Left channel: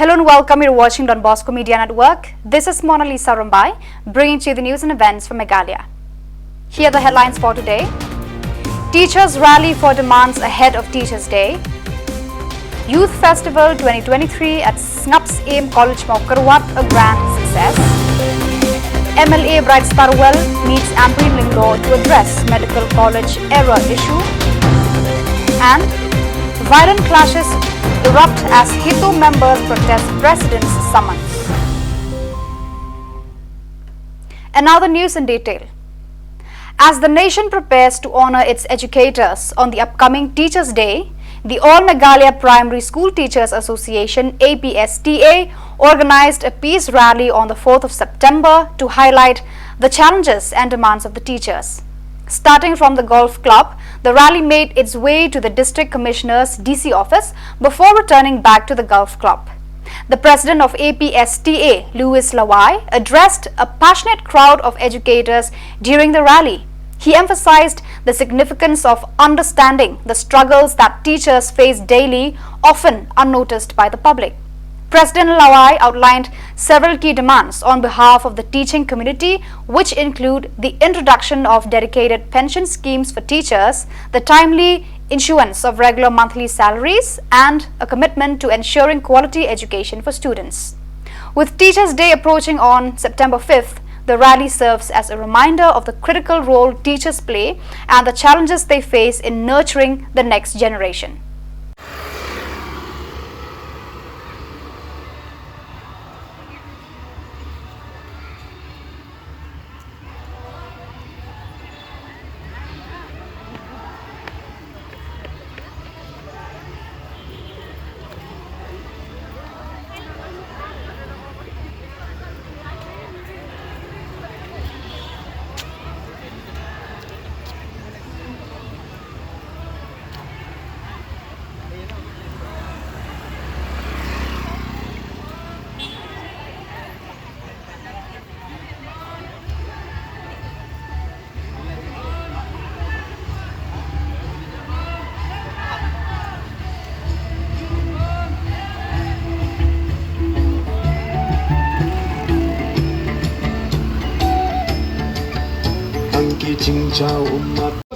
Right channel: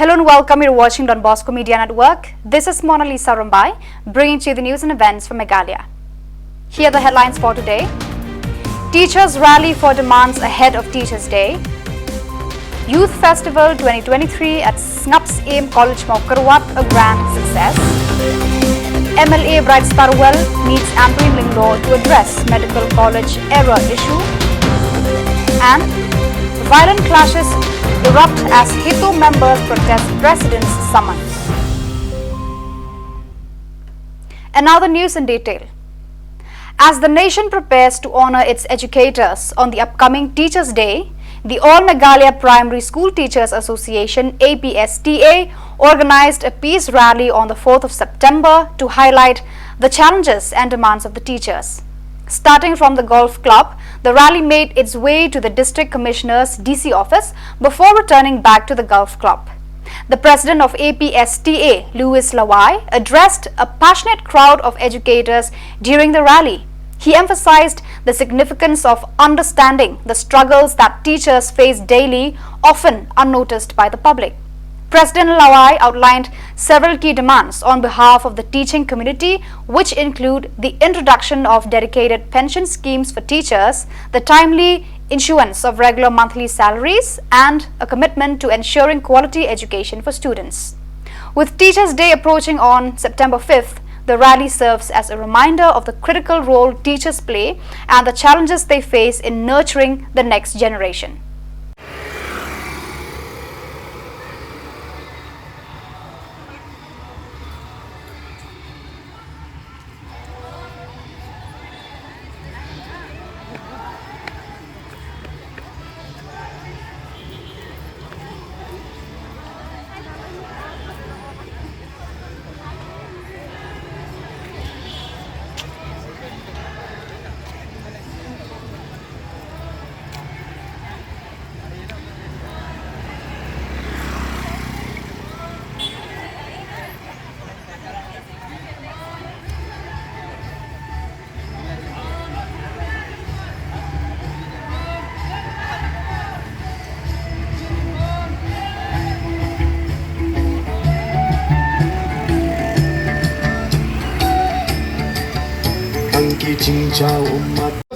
Hello and welcome. You're watching Don Bosco Media Network. This is Mona Lisa Rumbai, bringing to you the news and events from Meghalaya. Here are the headlines for today. Teachers rally for demands ahead of Teachers' Day. Youth Festival 2023 at Snaps Aim College Maukarwat, a grand success. MLA Bright Starwell meets Ambreen Lingdo to address medical college error issue. And violent clashes erupt as Hito members protest President's summons. And now the news in detail. As the nation prepares to honor its educators on the upcoming Teachers' Day, the All Meghalaya Primary School Teachers Association (APSTA) organized a peace rally on the 4th of September to highlight the challenges and demands of the teachers. Starting from the golf club, the rally made its way to the District Commissioner's DC office before returning back to the golf club. The president of APSTA, Louis Lawai, addressed a passionate crowd of educators during the rally. He emphasized the significance of understanding the struggles that teachers face daily, often unnoticed by the public. President Lawai outlined several key demands on behalf of the teaching community, which include the introduction of dedicated pension schemes for teachers, the timely issuance of regular monthly salaries, and a commitment to ensuring quality education for students. With Teachers' Day approaching on September 5th, the rally serves as a reminder of the critical role teachers play and the challenges they face in nurturing the next generation.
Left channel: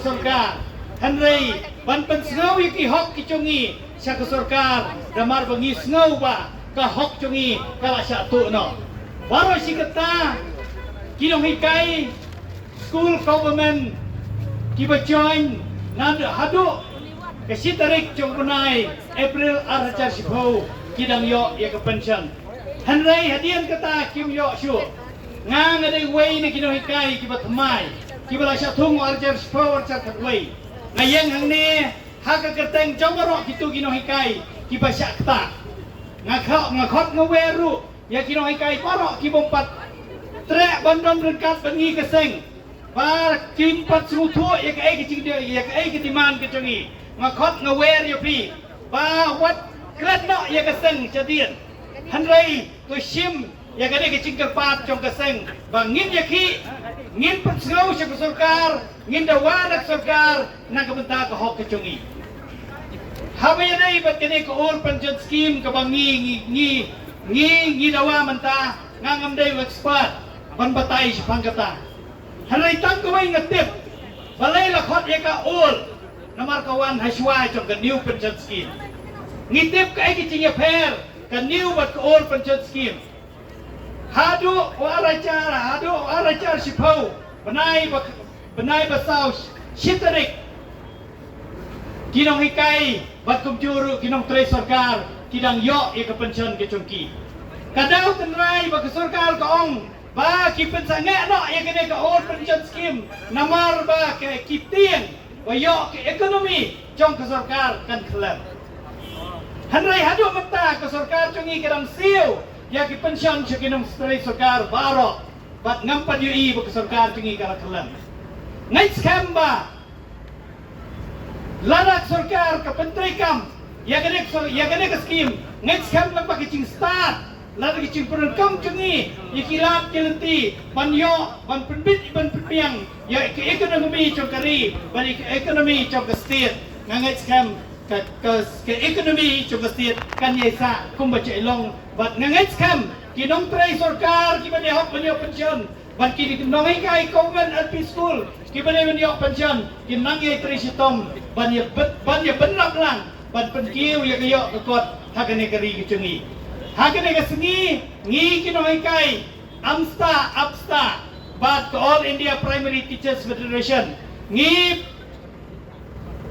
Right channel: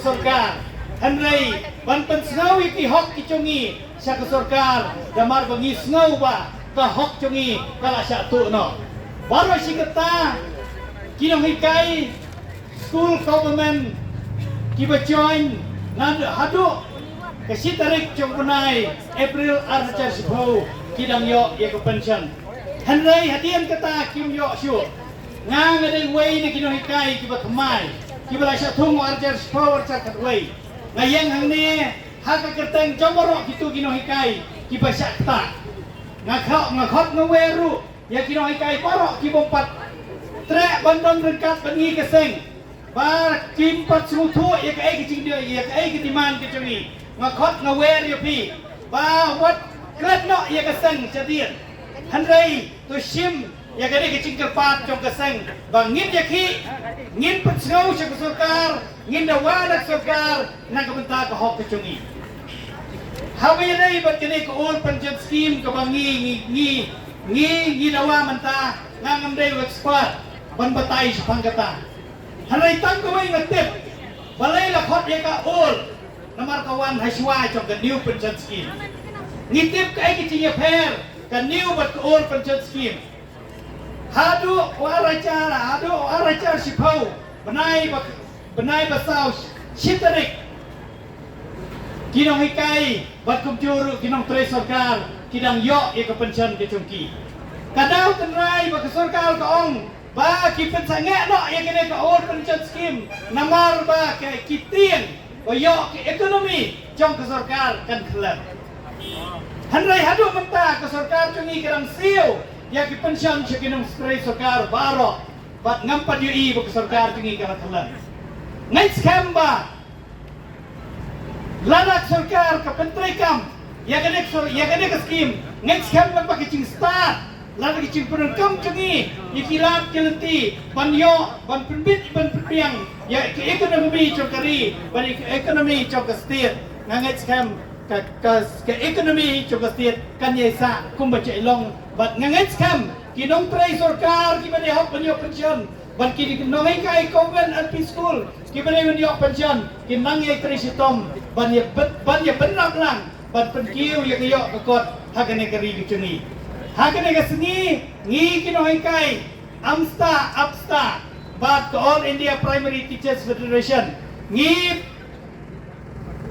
सरकार हनरे बनपन स्नाव यकी हक की चोंगी शक सरकार दमार बंगी स्नाव बा का हक चोंगी कला शा तो न बारो शिकता किनो हिkai school government ki ba join nan hadu ke sitarik chong bunai April archa sipho ki dang yo ye ko pension hnrei hadian kata kim yo shu ngang ngai wei ni kino hikai ki ba thmai ki bala sha thung archer power cha thwei ngayang hang ni ha ka kerteng jong ro kitu kino hikai ki ba sha ta ngakhot ngaweru ya kino hikai poro ki bompat tre bandon rengkat bani keseng ba kim pat su thu ya ka ai ki jing dia ya ka ai ki timan ki choni ngakhot ngawer ya pi ba wat klet no ya ka seng chadien hanrei to shim ya ka de ki jing kerpat jong ka seng bang ngin ya ki ngin persau sa sarkar ngin dawa dak sarkar nang kabenta ka hok ka chungi habi nei bat kini ko ol pension scheme ka bangi ngi dawa menta ngam dei expert ban batai pangkata hanai tang ko mai ngatip balai la khot ye ka ol namar kawan haswa jong ka new pension scheme ngitip ka ai ki chi fair ka new bat ko ol pension scheme hadu arajar sipau benai basau shitarik kinong hikai bat kumjuru kinong tre sarkar kidang yo e ka pension ke chungki kadau tenrai ba sarkar ka ong ba ki pensange no e kene ka ol pension scheme namar ba ke kitien ba yo ke ekonomi jong ka sarkar kan khlap hanrai hadu menta ka sarkar chungi kadang siu ya ki pension sekinong spray sarkar baro bat ngampat UI ba sarkar tingi ka khalan ngai skamba ladak sarkar ka pentri kam ya gane ka scheme ngai skamba pa ki ching start ladak ki ching purun kam tingi ikilat kelenti banyo ban penbit ban piang ya ki ekonomi chokari ban ekonomi chok state ngai skam ke ekonomi cho state kan ye sa kum ba chai long bat ngangai kham ki nong trai sarkar ki bani hok bani pension bat ki nong ai kai convent LP school ki bani pension ki nang ye trai sitom ban ye benap lang ban pen kiu ye yo kot hakane kari ki chungi hakane ka sengi ngi ki nong ai kai apsta bat ke All India Primary Teachers Federation ngi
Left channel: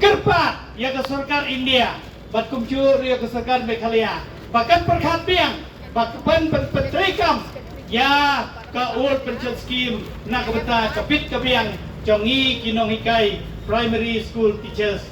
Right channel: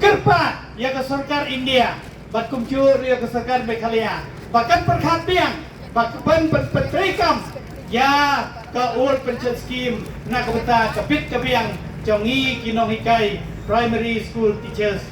kerpa ya ke sarkar India bat kumcur ya ke sarkar Meghalaya bahkan perkhat biang bahkan pertrekam ya ke old pension scheme na kabata kapit kabiang jongi kinong hikai primary school teachers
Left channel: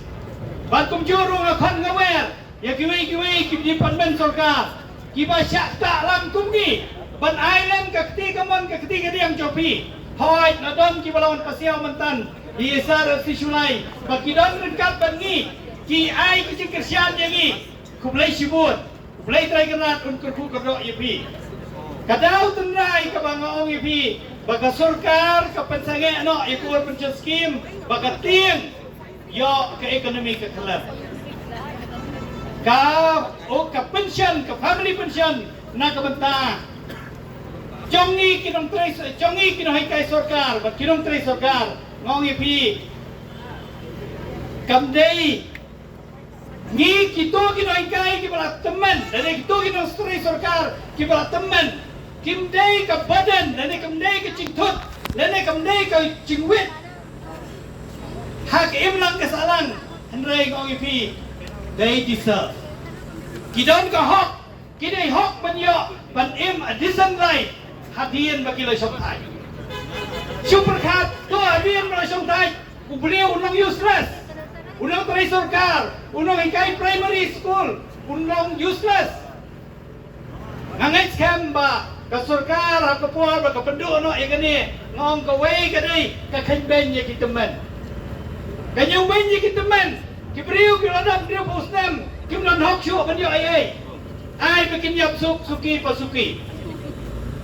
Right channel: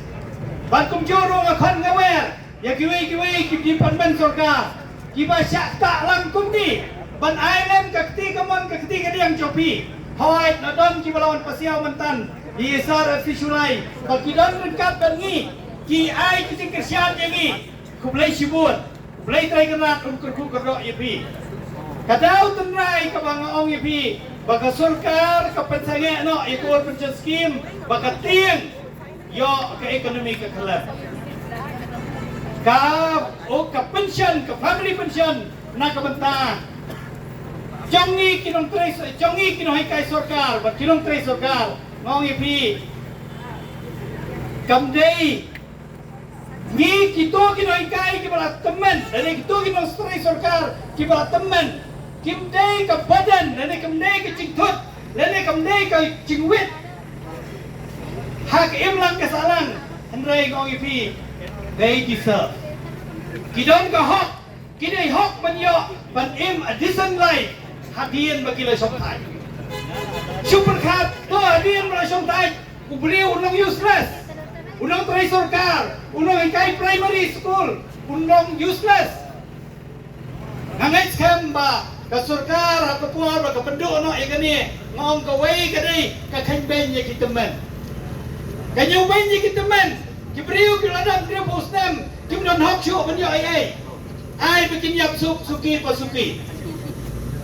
bat kumcur nga khan ngawer ya kiwi ki department sarkar ki ba syak tak lang kumni ban island kakti kadiang jopi hawai na don ki balawan pasiaw mantan Yesar Fishulai, Bakidon Renkat Bangi, Ki Ai Kicing Kersian Yangi, Kublai Shibut, Kublai Traiganat, Unkurku Kadok Yepi. Kadau Tenrai Kabanga Ong Yepi, Baka Surkar, Kapensange No, Ekor Pension Scheme, Baka Tiang, Yo ke ekonomi ke kelab. Ka pension, ka family pension, na kabenta. Jongi kinong hikai sarkar, bat kinong trai sarkar. Ngong ipi kamdei ni kito kinoi kai ki bala teman dari kito kinoi stri sarkar ki bala teman kimdei ka badan dari kamdei ka cingtut dari kamdei ka cingwit hak imlang kasalang handrai ngong ipi they deserve kidon ka hok kidai hok banyo ban im a decent life hadian bakilai sompai super khat to adian ra som dai ku beliau unang useless unang trai sarkar unang kai primary school unang useless ngangai skam ba ka sarkar ha ka puar ba ka pendu no ai kani ngong ka wei ka dei ka khan ben ye ki teman ka nyu ben ye ki teman ki beliau ki ladam dia busnam ki nan hok chu ban yo ai bikin yap suki pasuki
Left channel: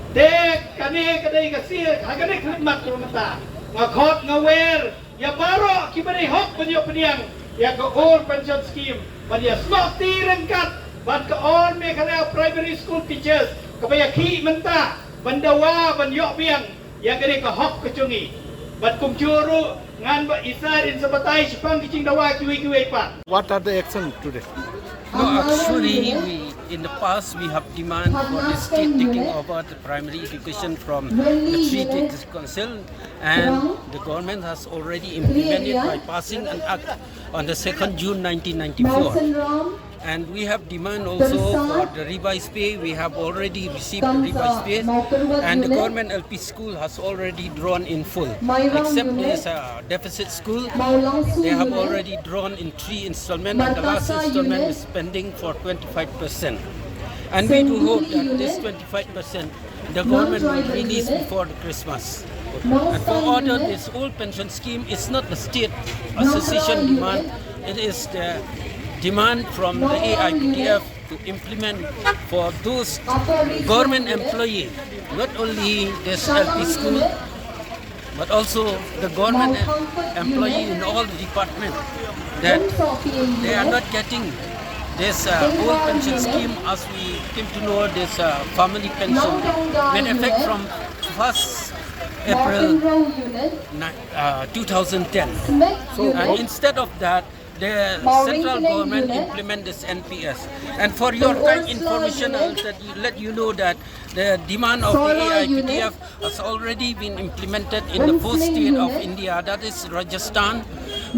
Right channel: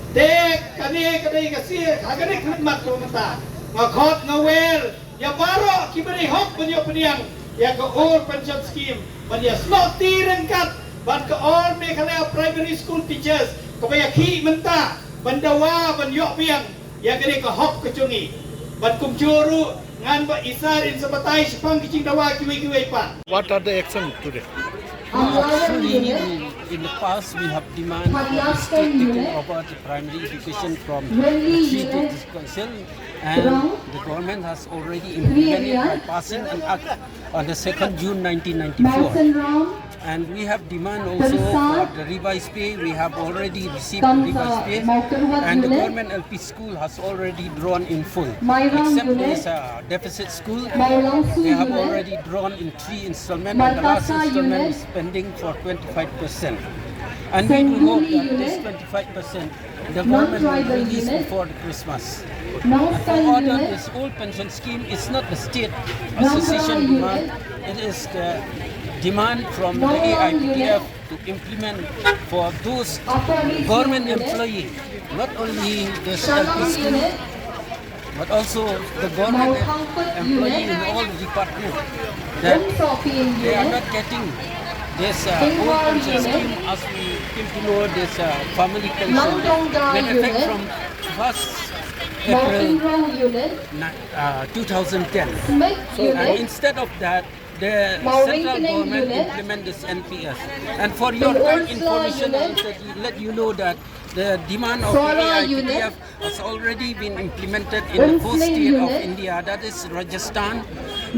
dek kami kadai kasih agak khidmat ko mata ngakhot ngawer ya baro ki bari hok banyo pediang ya ke all pension scheme banya smart tirengkat ban ke all Meghalaya primary school teachers kabaya khi menta bandawa banyo biang ya kene ke hok kecungi ban kumcuru ngan ba isar in sabatai sipang kicing dawa kiwi pa. What are the actions today? No, actually, in the past we have demanded the state taking over the primary education from the Treaty Council, and the government has already implemented by passing an act on the 2nd June 1994. And we have demand also for the revised pay. We have already received revised pay, and the government LP school has already drawn in full. Except there is a deficit school, they have already drawn in 3 installments, and the last installment is pending for 25%. And we do hope that this 25% the government will release before the Christmas. And to order this old pension scheme is not the state association demand, it is the demand from the AIPTF to implement for those government employees, not only this LP school, but also the government employee in all the departments, that they are not getting this old pension scheme as we came to know this family pension in effect from 1st April 2010. And instead of that, the central government implement this NPS. And for your kind information, I will let you know that the demand of the AIPTF has already been implemented in the 4th state of India, that is Rajasthan,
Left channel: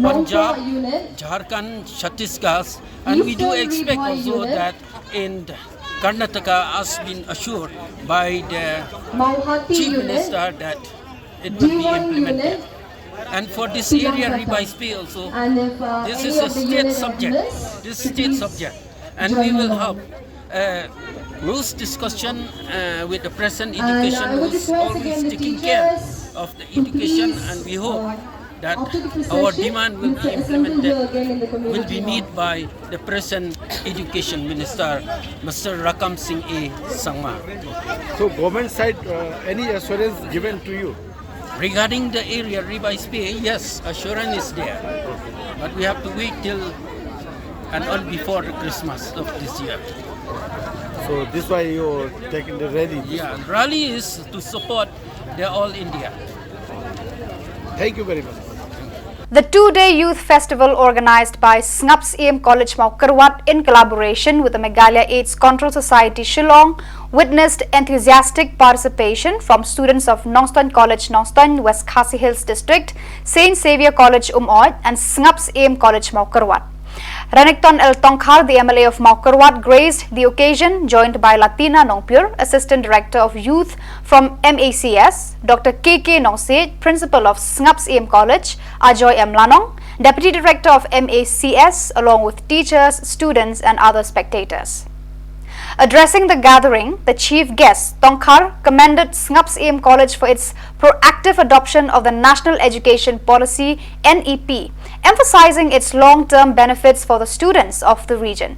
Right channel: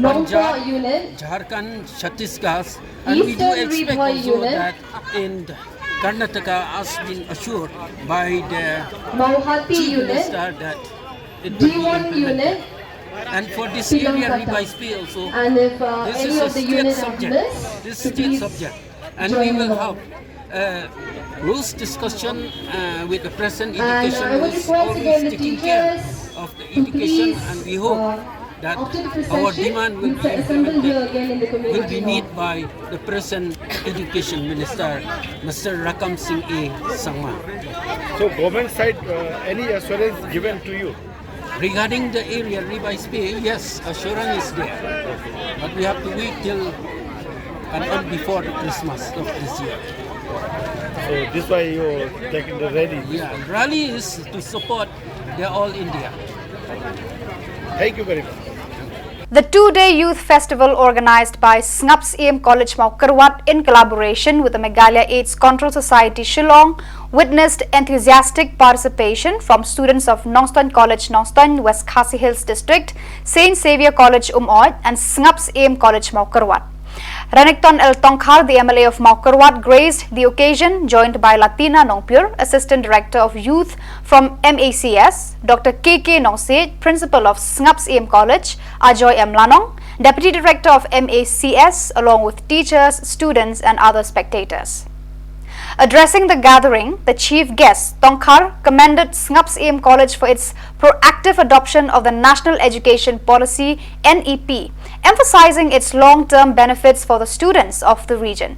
Punjab, Jharkhand, Chhattisgarh, and we do expect also that in Karnataka has been assured by the Chief Minister that it will be implemented. And for this area revised pay also, this is a state subject. This is state subject, and we will have rules discussion with the present education who is always taking care of the education, and we hope that our demand will be implemented, will be met by the present education minister, Mr. Rakam Singh A. Sangma. So government side, any assurance given to you? Regarding the area revised pay, yes, assurance is there. But we have to wait till and on before the Christmas of this year. So this why you're taking the rally. Yeah, rally is to support the All India. Thank you very much. The two-day youth festival organized by SNUPS AM College Maukarwat in collaboration with the Meghalaya AIDS Control Society Shillong witnessed enthusiastic participation from students of Nongstoin College Nongstoin, West Khasi Hills District, Saint Xavier College Umoy and SNUPS AM College Maukarwat. Ranikton El Tongkhar, the MLA of Maukarwat, graced the occasion, joined by Latina Nongpur, Assistant Director of Youth from MACS, Dr. KK Nongse, Principal of SNUPS AM College, Ajoy M. Lanong, Deputy Director of MACS, along with teachers, students and other spectators. Addressing the gathering, the chief guest, Tongkhar, commended SNUPS AM College for its proactive adoption of the National Education Policy NEP, emphasizing its long-term benefits for the students of the region.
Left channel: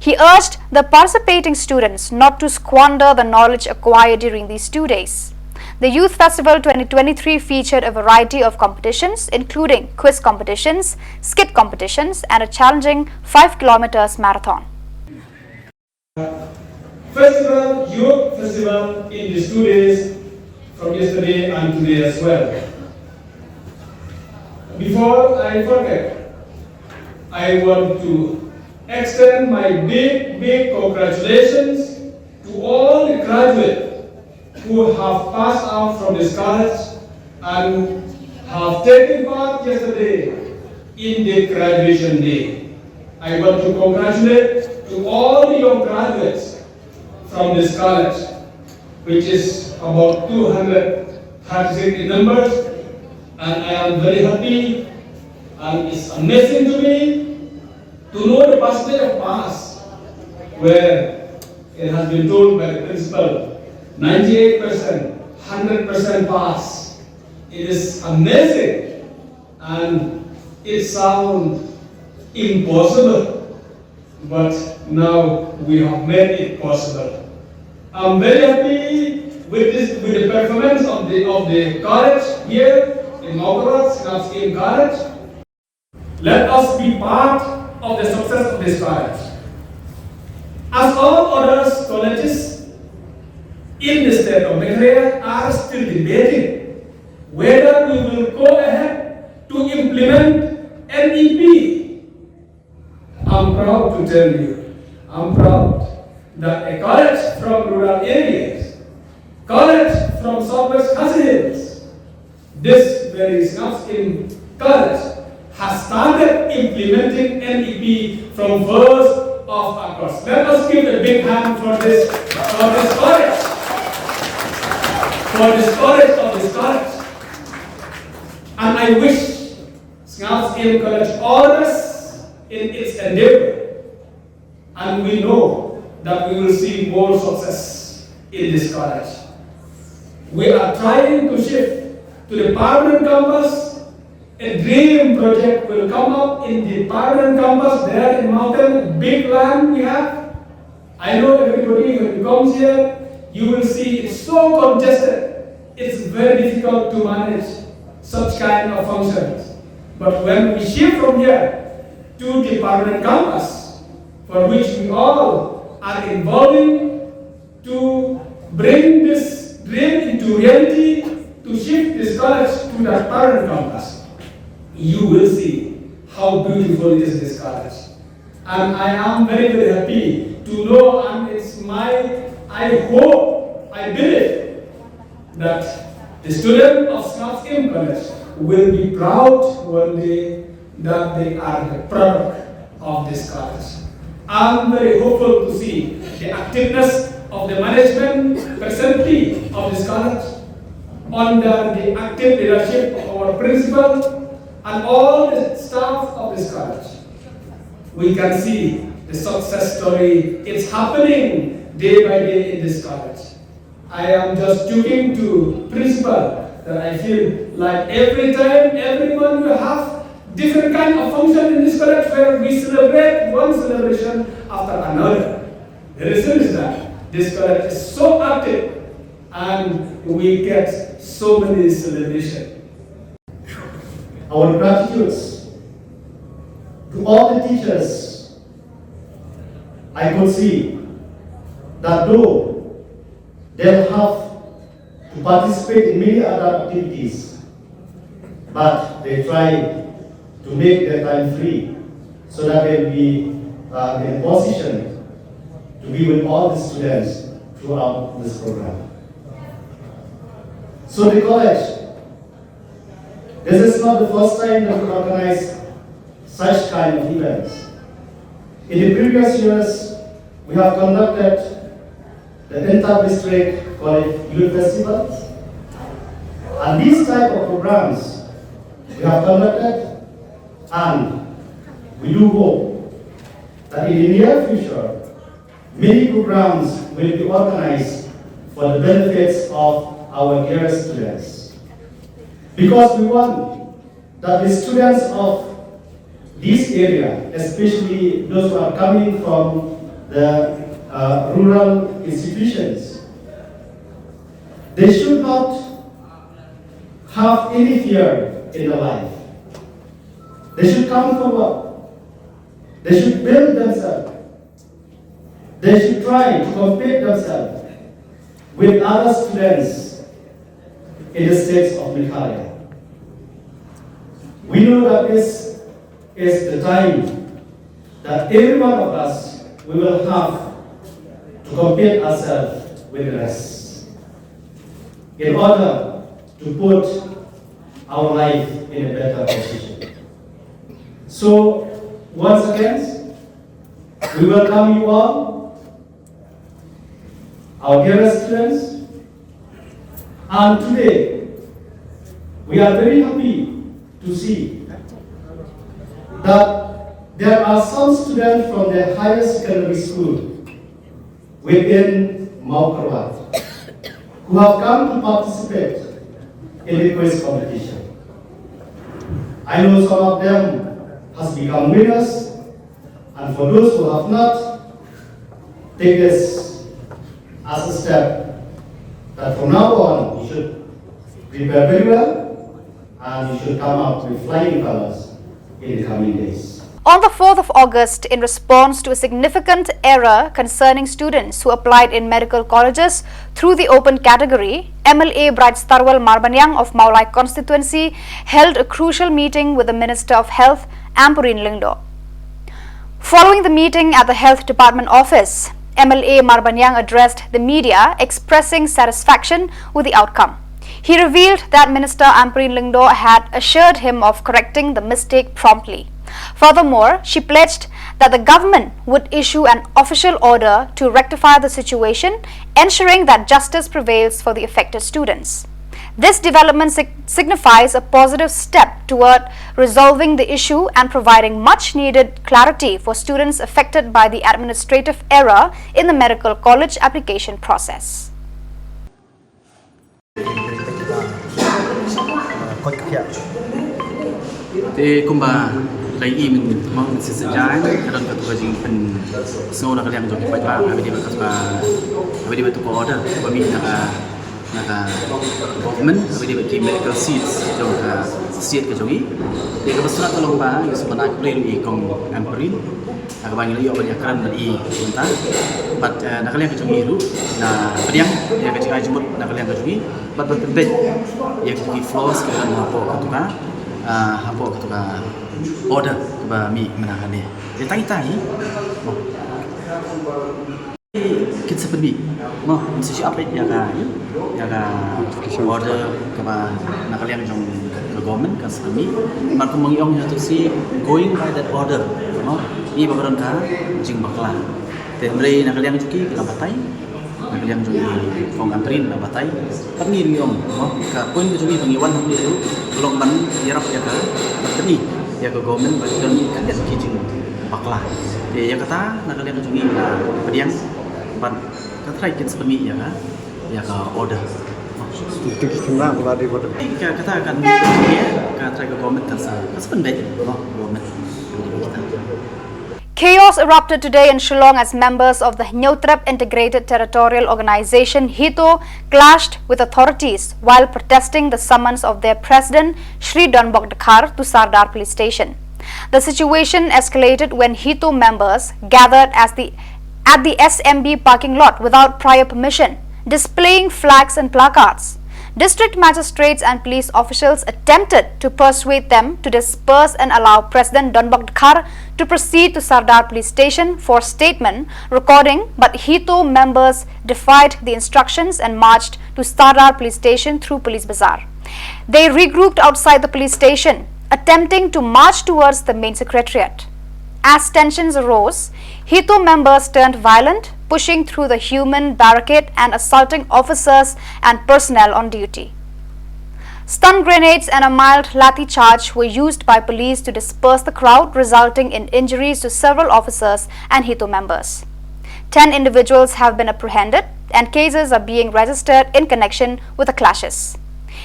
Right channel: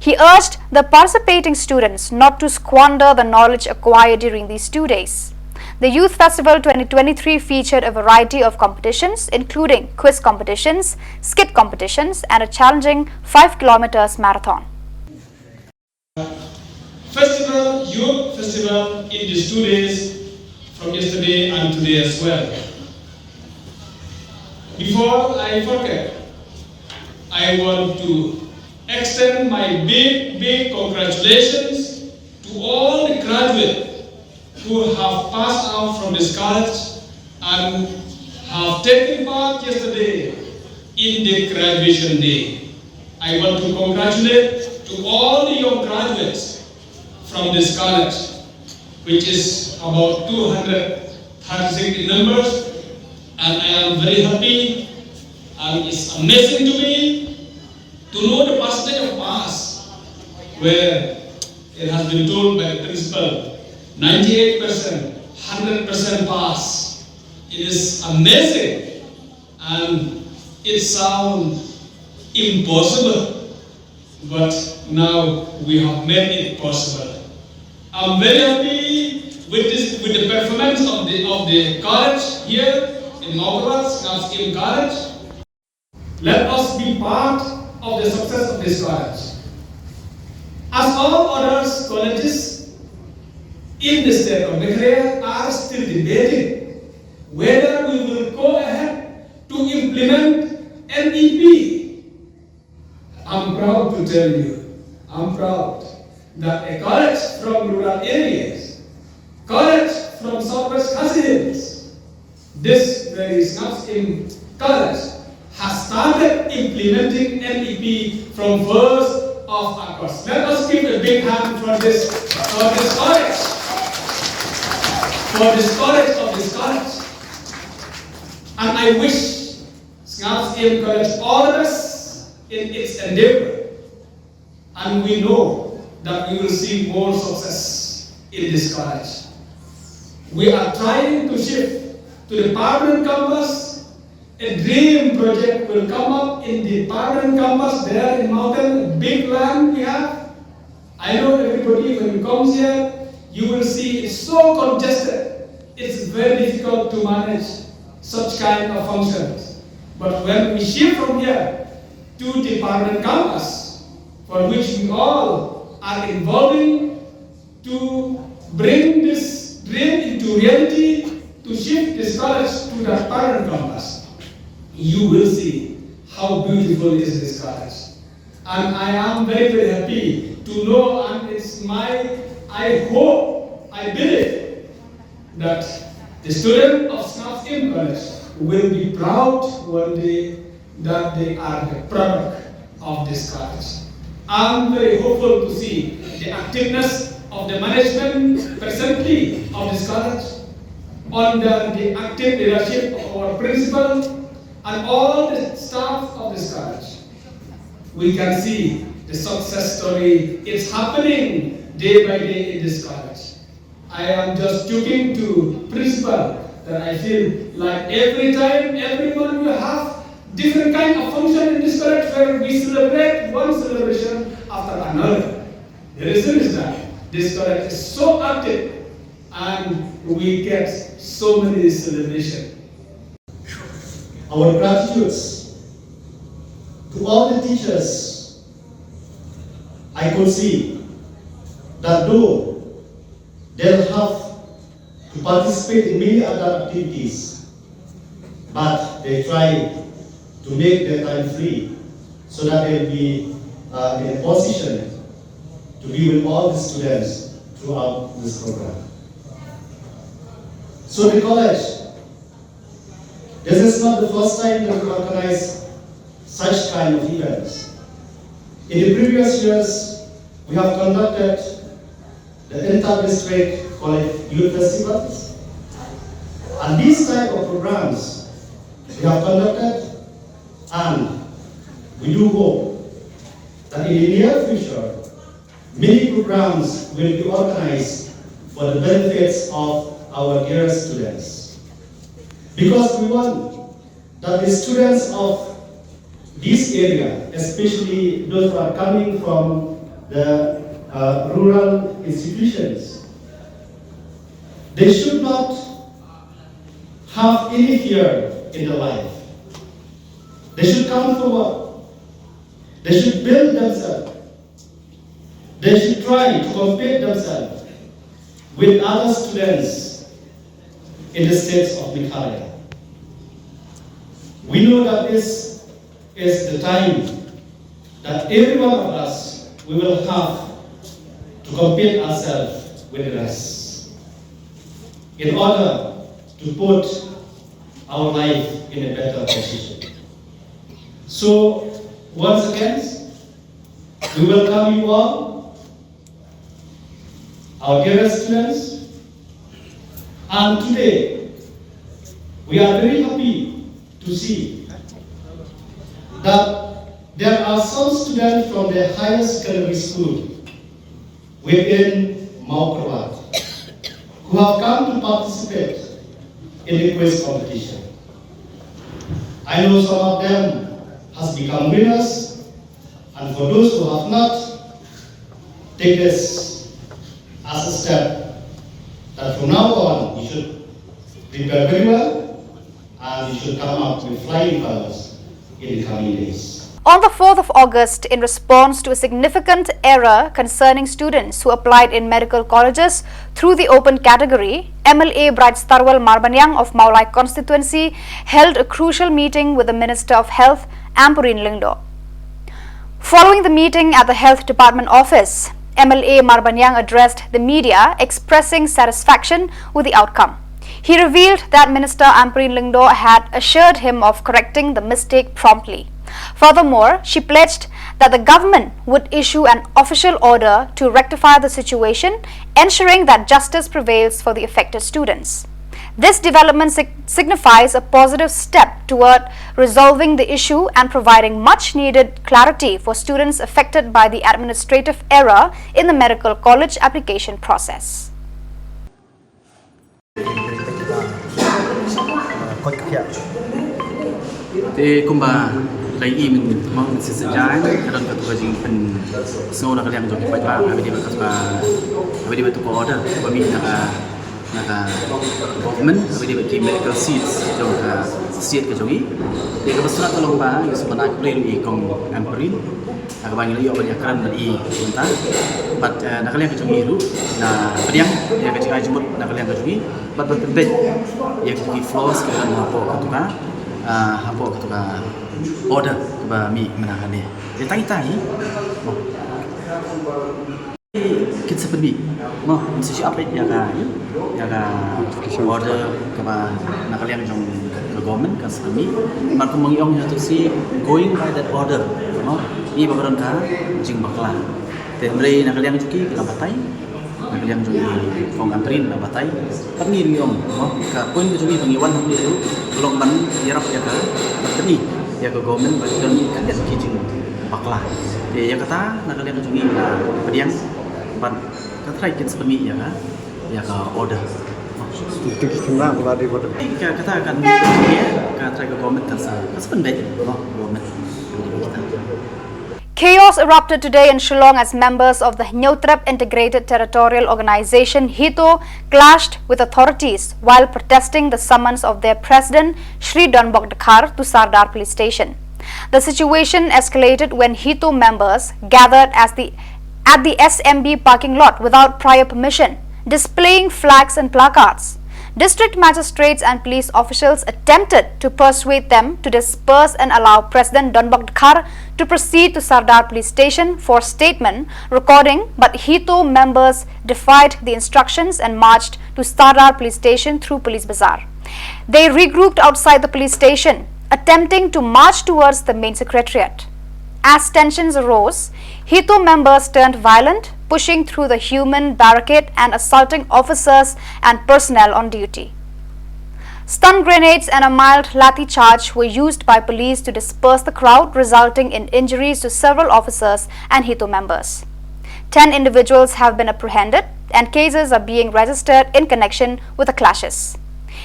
He urged the participating students not to squander the knowledge acquired during these 2 days. The Youth Festival 2023 featured a variety of competitions, including quiz competitions, skit competitions, and a challenging 5 kilometers marathon. Festival, Youth Festival in these 2 days from yesterday and today as well. Before I forget, I want to extend my big congratulations to all the graduates who have passed out from this college and have taken part yesterday in the graduation day. I want to congratulate to all the young graduates from this college, which is about 236 in numbers, and I am very happy, and it's amazing to me to know the percentage of pass, where it has been told by the principal, 98%, 100% pass. It is amazing, and it sounds impossible, but now we have made it possible. I'm very happy with the performance of the college here in Maukarwat, SNUPS AM College. Let us be part of the success of this college. As all other colleges in the state of Meghalaya are still debating whether we will go ahead to implement NEP. I'm proud to tell you, I'm proud that a college from rural areas, college from Southwest Khasi Hills, this very SNUPS AM College has started implementing NEP from 1st of August. Let us give a big hand for this college, for this college of this college. And I wish SNUPS AM College all the best in its endeavor. And we know that we will see more success in this college. We are trying to shift to the permanent campus. A dream project will come up in the permanent campus there in mountain, big land we have. I know everybody when you comes here, you will see it's so congested. It's very difficult to manage such kind of functions. But when we shift from here to the permanent campus, for which we all are involving to bring this dream into reality, to shift this college to the permanent campus, you will see how beautiful is this college. And I am very, very happy to know, and it's I hope, I believe that the students of SNUPS AM College will be proud one day that they are the product of this college. I'm very hopeful to see the activeness of the management presently of this college under the active leadership of our principal and all the staff of this college. We can see the success story. It's happening day by day in this college. I am just joking to principal that I feel like every time, every month we have different kind of function in this college where we celebrate one celebration after another. The reason is that this college is so active and we get so many celebrations. Our gratitude to all the teachers I could see that though they'll have to participate in many other activities, but they try to make their time free so that they'll be in a position to be with all the students throughout this program. So the college, this is not the first time that we organize such kind of events. In the previous years, we have conducted the inter-district college youth festivals, and these type of programs we have conducted, and we do hope that in the near future, many programs will be organized for the benefits of our dearest students. Because we want that the students of this area, especially those who are coming from the rural institutions, they should not have any fear in their life. They should come forward. They should build themselves. They should try to compare themselves with other students in the states of Meghalaya. We know that this is the time that every one of us, we will have to compare ourselves with the rest in order to put our life in a better position. So, once again, we welcome you all, our dearest students, and today we are very happy to see that there are some students from the highest secondary school within Maukrabat who have come to participate in the quiz competition. I know some of them has become winners, and for those who have not, take this as a step that from now on you should prepare very well and you should come out with flying colors in the coming days. On the 4th of August, in response to a significant error concerning students who applied in medical colleges through the open category, MLA Bright Starwal Marbanyang of Maulai constituency held a crucial meeting with the Minister of Health, Ampurin Lingdo. Following the meeting at the Health Department office, MLA Marbanyang addressed the media expressing satisfaction with the outcome. He revealed that Minister Ampurin Lingdo had assured him of correcting the mistake promptly. Furthermore, she pledged that the government would issue an official order to rectify the situation, ensuring that justice prevails for the affected students. This development signifies a positive step toward resolving the issue and providing much needed clarity for students affected by the administrative error in the medical college application process. Lagi mình mau sejarah kadang ketua jing pen semua nak yang joki baca kami dia betul order kami nak government kami dia bagi medical seats jong seat ke jongi dia kebetulan tolong ba yang sebenarnya boleh lui kong Ampurin agak banyak lagi orang yang keren beri entah but nak yang ke jongi itu na pediang dia ke jika jumut nak yang ke jongi but penting yang ke floors ke apa ketua order kepada mi menahan dia. Dia tanya, kita seperti, mesti update ya order kepada nak kalian jom government kan seperti, mereka mengiong itu si going by that order, ini bakaran kah jing baklah. Dan mereka nak kalian cuci kita batai, nak kalian cuci kong Ampurin kita batai, tapi ni om, kah poin kita cuci pengiwan hamil itu, kalau ban yarap ya kah, tapi ya ke government bagi kami kan dia kijing baklah. Ya kata nak kalian kunjungi pediang, ban kata kita seperti ya ke order. Itu kita nak di order. Kata akan kata ke government kan sebenarnya government. Chaos erupted today in Shillong as members of the Nyotrep Integrated Territorial Organization HITO clashed with authorities while protesting the summons of their president Shri Donbok Dakhar to Sardar police station. The situation escalated when HITO members gathered as the at the SMB parking lot without prior permission, displaying flags and placards. District magistrates and police officials attempted to persuade them to disperse and allow President Donbok Dakhar to proceed to Sardar police station for statement recording, but Hito members defied the instructions and marched to Sardar police station through Police Bazaar. They regrouped outside the police station, attempting to march towards the main secretariat. As tensions arose, Hito members turned violent, pushing through the human barricade and assaulting officers and personnel on duty. Stun grenades and a mild lathi charge were used by police to disperse the crowd, resulting in injuries to several officers and Hito members. 10 individuals have been apprehended and cases are being registered in connection with the clashes.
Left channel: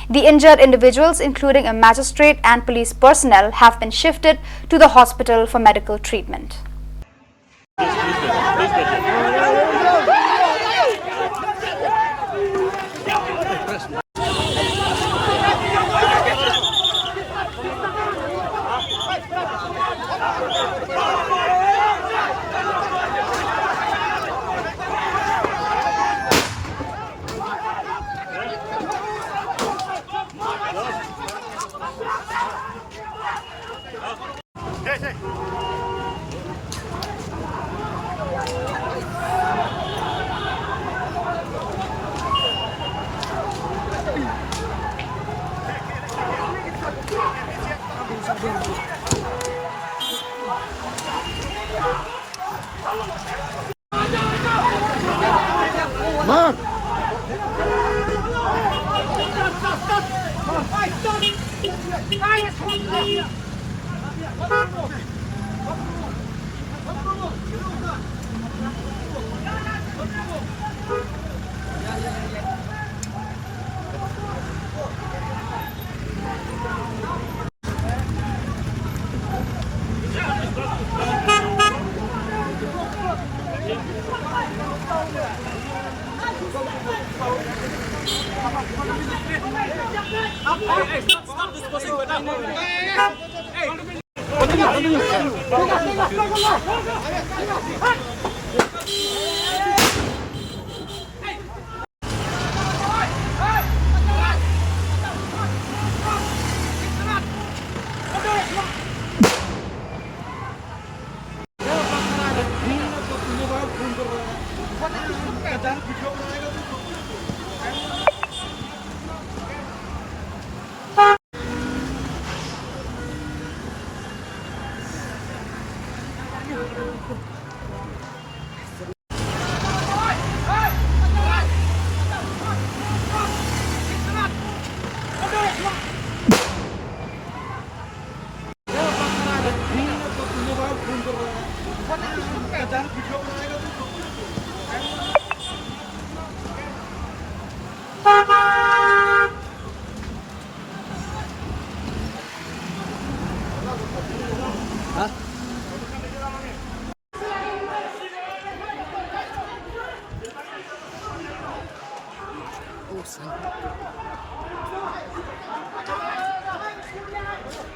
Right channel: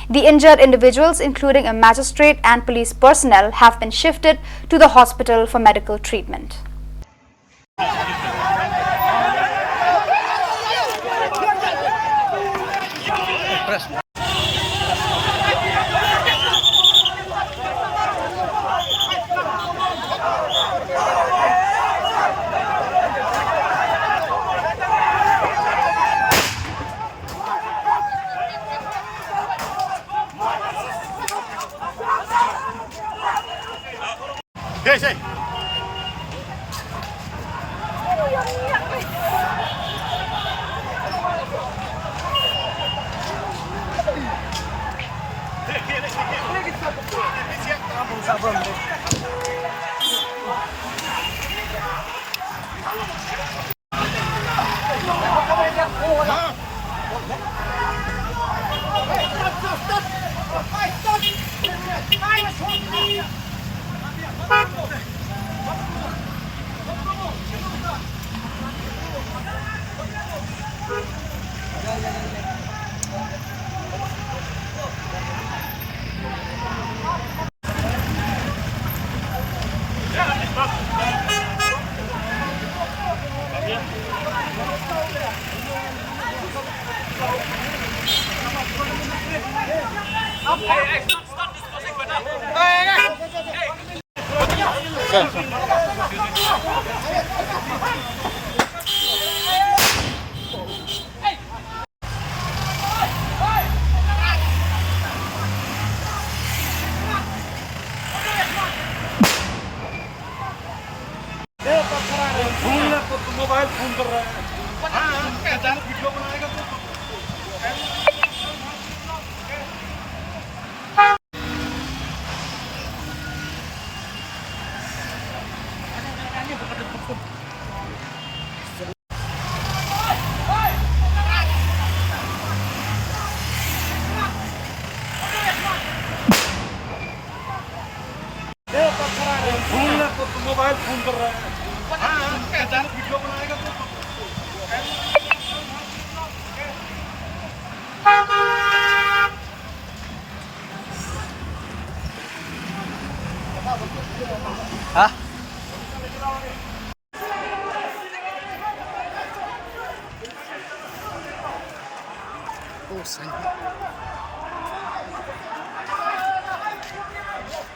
The injured individuals, including a magistrate and police personnel, have been shifted to the hospital for medical treatment. Mobile phone कर रहा है, अचानक video बनाएगा तो mobile phone कर रहा है, अचानक वीडियो बनाएगा तो Hah?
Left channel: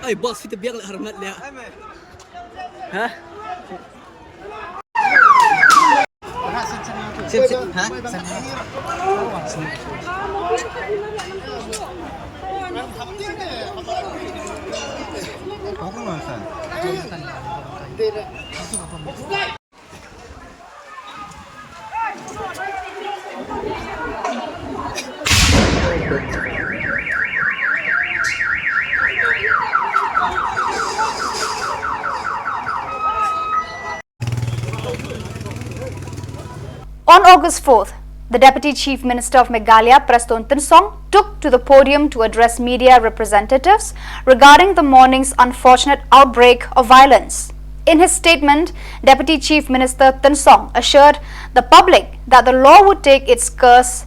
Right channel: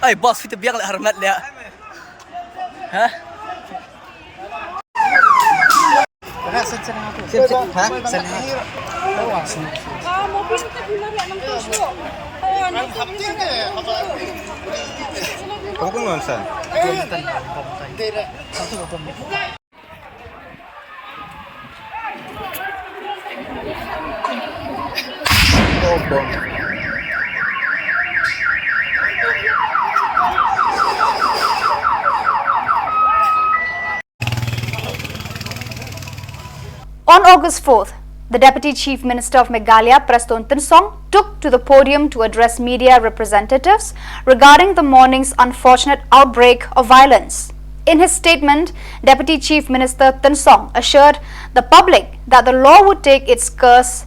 Ay, boss, kita biar lah hormat dia. Hah? On August 4th, the Deputy Chief Minister of Meghalaya, Preston Tinsong, took to the podium to address media representatives regarding the morning's unfortunate outbreak of violence. In his statement, Deputy Chief Minister Tinsong assured the public that the law would take its course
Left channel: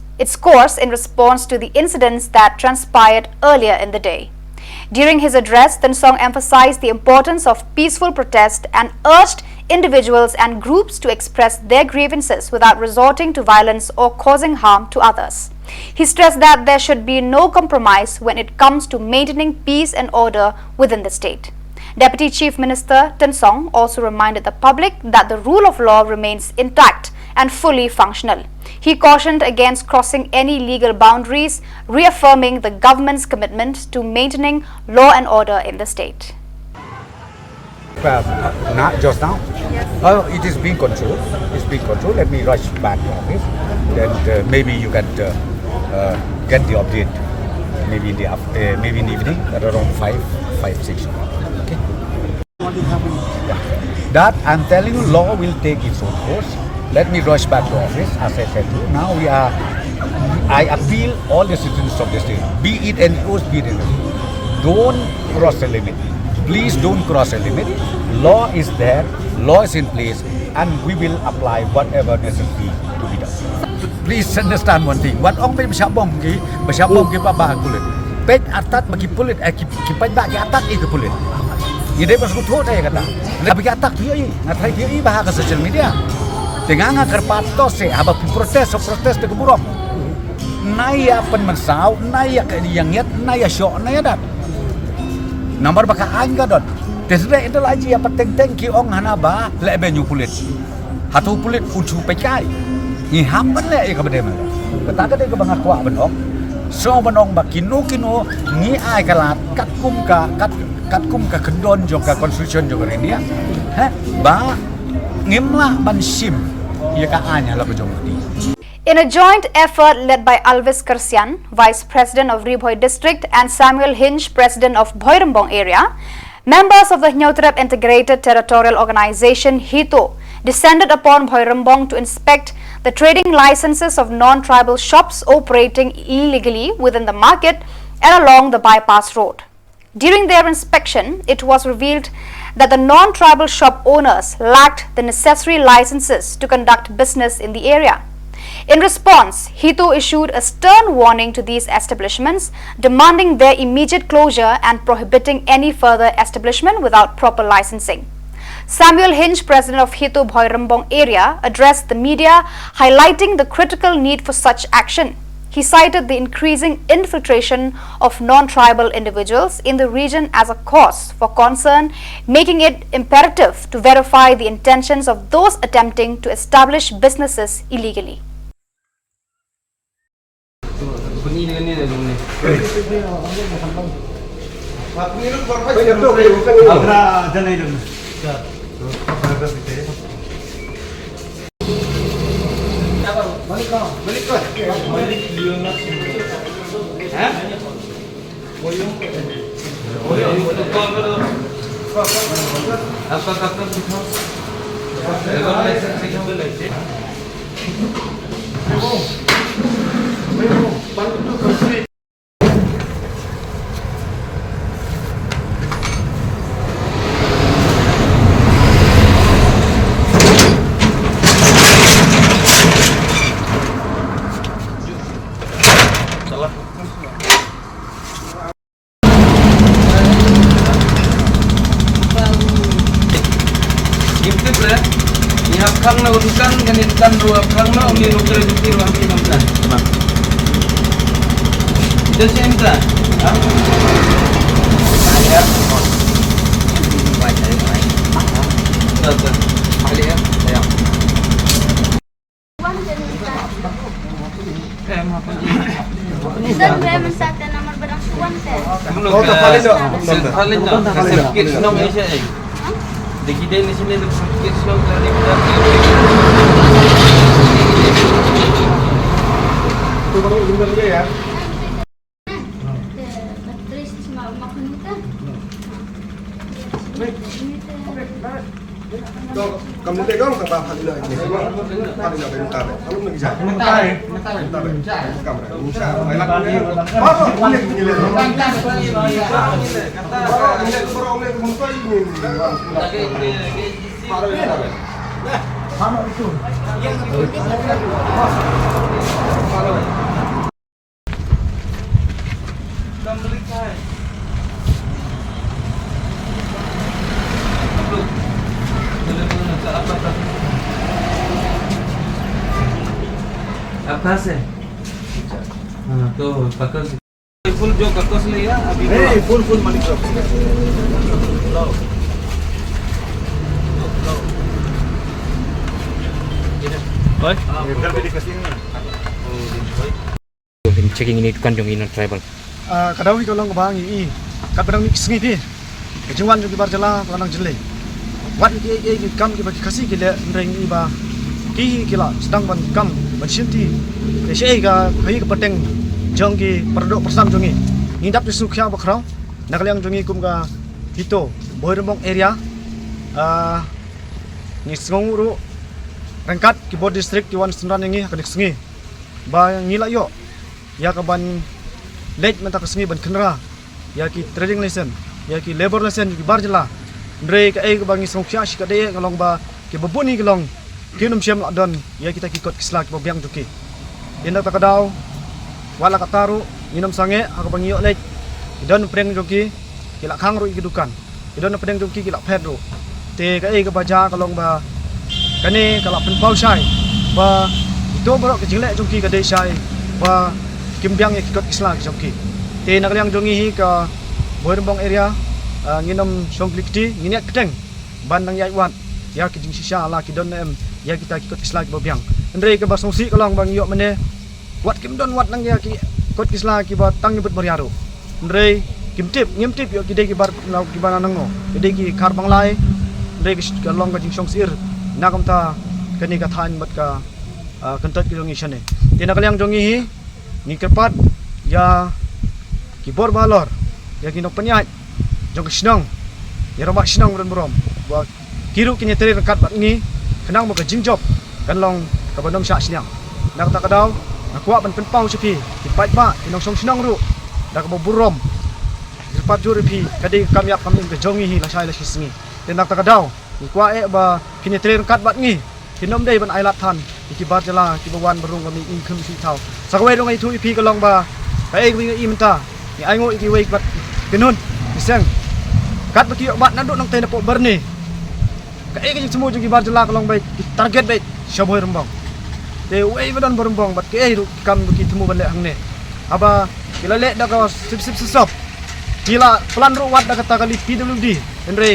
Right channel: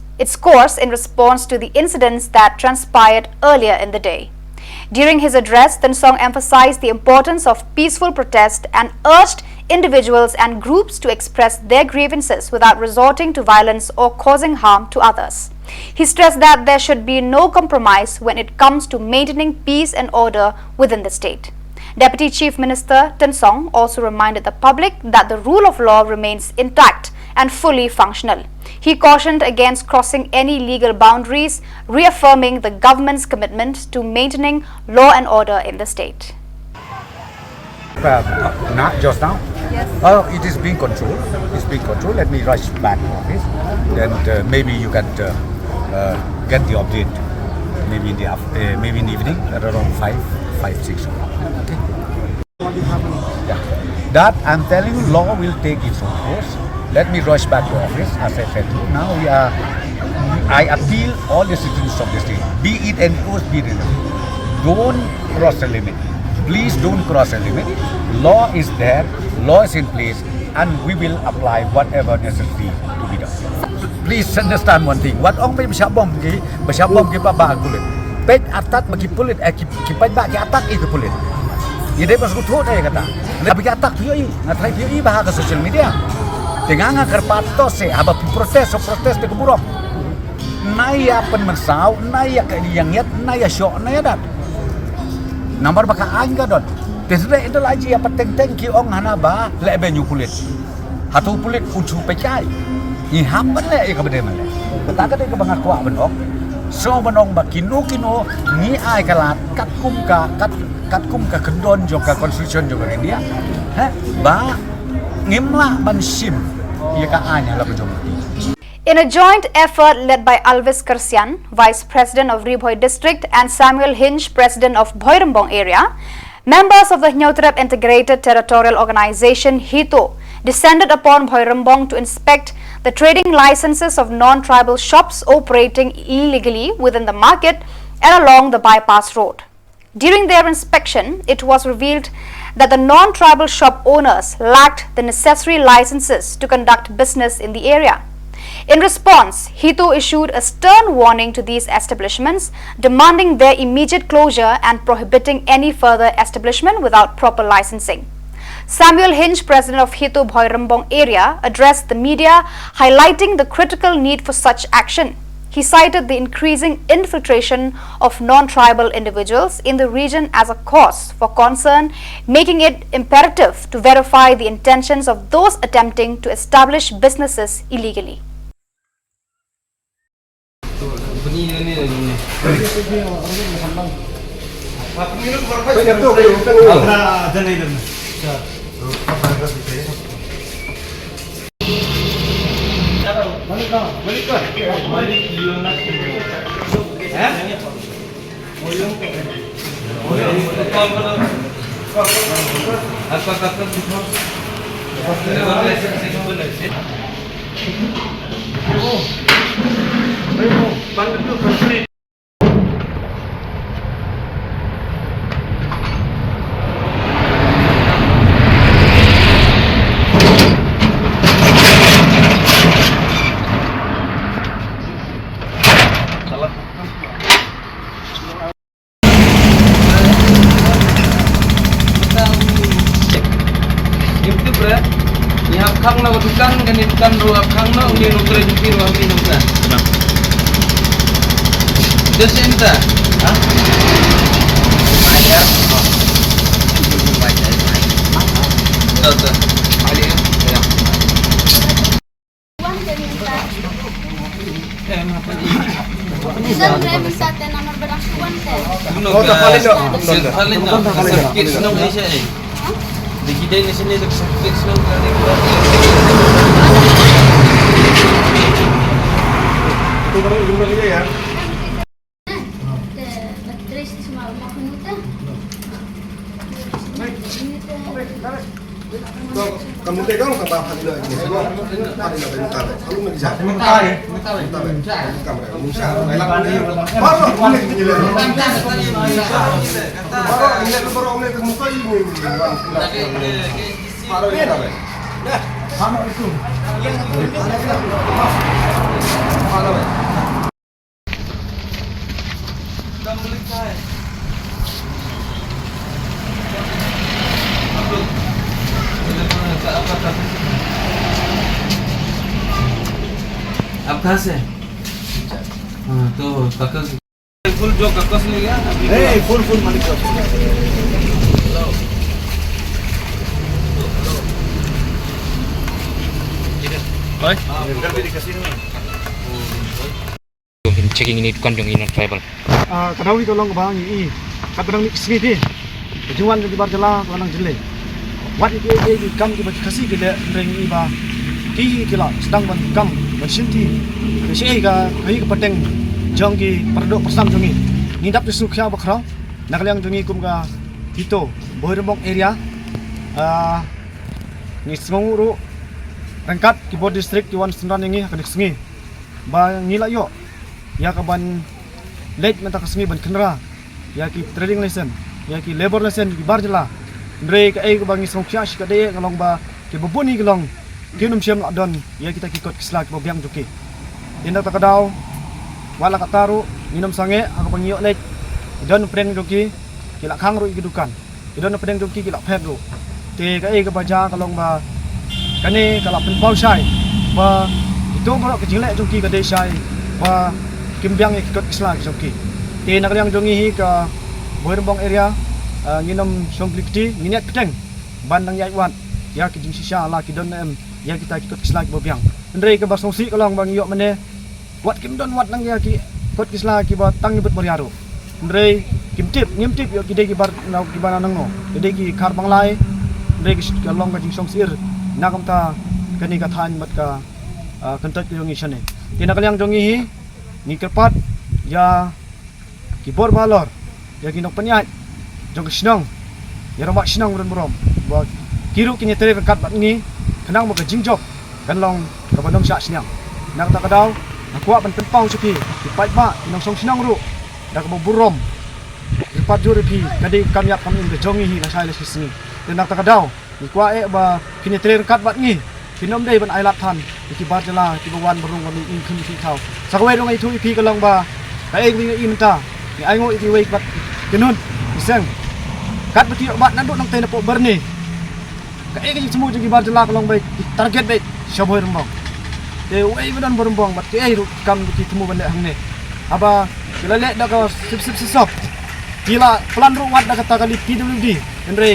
in response to the incidents that transpired earlier in the day. During his address, Tinsong emphasized the importance of peaceful protest and urged individuals and groups to express their grievances without resorting to violence or causing harm to others. He stressed that there should be no compromise when it comes to maintaining peace and order within the state. Deputy Chief Minister Tan Song also reminded the public that the rule of law remains intact and fully functional. He cautioned against crossing any legal boundaries, reaffirming the government's commitment to maintaining law and order in the state. Not just now. It is being controlled. It's being controlled. Let me rush back to office. Then maybe you can get the update. Maybe in the evening at around 6 o'clock. Okay. Yeah. That I'm telling you, law will take its own course. Let me rush back to office, as I tell you. Now I appeal all the citizens of the state, be it NGOs, be it NGOs. Don't cross the limit. Please don't cross the limit. Law is there, law is in place, and we will apply whatever necessary to be done. Please understand one thing. What ong may bersabom ki babak kulit. Pet atat bagi kulit ki pet bak ki atat ke kulit. Ide pas kutu dah kata. Tapi ki atat tu ngatai tu bahag social media. Dengan kerpato se aba protes te keburuk. Naya penmersau, naya yang yat, naya syok, naya dat. Nomor baka anga dot. Tesre itu lagi apa teng ki ong hanaba lebe nyu kulit. Hatu kulit uncu pekai. Ni hamban le ka bede male. Kata ke bangak kwa benok. So benong ba kino ni ai kalat kat kum ka kendon jo ka constitution jo India. Ba ngimla ban sim ya ka anya la bejong. In a joint effort led by Alvis Kersian, Vice President of Riboy District, and Samuel Hinch, President of Bhoirambong area, members of the Hnyotrep Integrated Territorial Organization HITO descended upon Bhoirambong to inspect the trading licenses of non-tribal shops operating illegally within the market and along the bypass road. During their inspection, it was revealed that the non-tribal shop owners lacked the necessary licenses to conduct business in the area. In response, HITO issued a stern warning to these establishments, demanding their immediate closure and prohibiting any further establishment without proper licensing. Samuel Hinch, President of HITO Bhoirambong area, addressed the media, highlighting the critical need for such action. He cited the increasing infiltration of non-tribal individuals in the region as a cause for concern, making it imperative to verify the intentions of those attempting to establish businesses illegally. Kamu tegang tak hal ini ini semua hal ini bentar kalau nak bisa bentar kamera musa baru ini baru oleh musa ini baru ini sama itu kembali saya आपका से हाँ तो कागज full जो कागज ले गया अभी full money bukan dedikasi ini. Checking ini kan dong in tribal. Kadang itu long bang i, kadang ni sini di, jualan di bar jalan kadang jelek. Wat ini kam kita kasih kita ring i ba, kila sedang kam bersinti, saya ke peteng jong ki perdok persam jongi, ni dapat sukses bakrau, nak liang jongi kum ka hito, boirembong area, ni senguru rengkat ki bod district ki wan senran ini akan disengi, ba ngila yo. Ya kaban late menta kesengi ban kenra ya ki trading lesson ya ki labor lesson ki barjela ndre ka ai bangi songkya shi ka de kalong ba ki babuni kalong kinum syam ladon ya kita ki kot kisla ki babiang juki indak ta kadau wala kataru minum sange aku bangi yo late idon preng juki ki la khang ru ki dukan idon preng juki ki la phet ru te ka ai ka baja kalong ba kane kala pen pau sai ba itu borok ki jingle juki ka de sai ba kimbyang ikot isla joki te nakaliang jongi hi ka boirembong area nginom songklikti nginiat peteng bandang yai wat ya ki jing sisa la ki don em ya kita ikot isla ki bobiang ndre ke basongsi kalong bang yo mene wat kim don wat nang ya ki ikot isla ki ba tang nyebut bariaru ndre kimtip ngimtip yo ki de ki bar nau ki bana nang no de ki khar bang lai ndre ki kalong ka jing songsir nakam ta kani ka than mat ka kantat ki jongi shane te nakaliang jongi hi ni kepat ya kibor balor ya kinok penyat jong snong ya romak snong berom ba kiru kini teri rekat bat ni kenang moga jingjob kan long ka bandom sya sniang nak ta kadau aku ban penpau supi kipat ba inong song snong ru dak bo burom sepat juri pi kadi kami ap kami ke jongi hi la sai la sini te nak ta kadau ni kwa ba kini teri rekat bat ni kinom dei ban ailat than ikibar jala kibawan berung kami ingkun si tau sakwe long ai thu ipi kalong ba kai wi i menta ni ai ngo i wei bat kenun iseng kat baki bat nan dok nang tena po berni kai ke semua ju kibar jala kalong bai target bai shaboi rembang te wei badan berembang bat ke ru kam baki temu ban le hang ne aba kila le da ka sip kila plan ru wat da kata kali PWDendre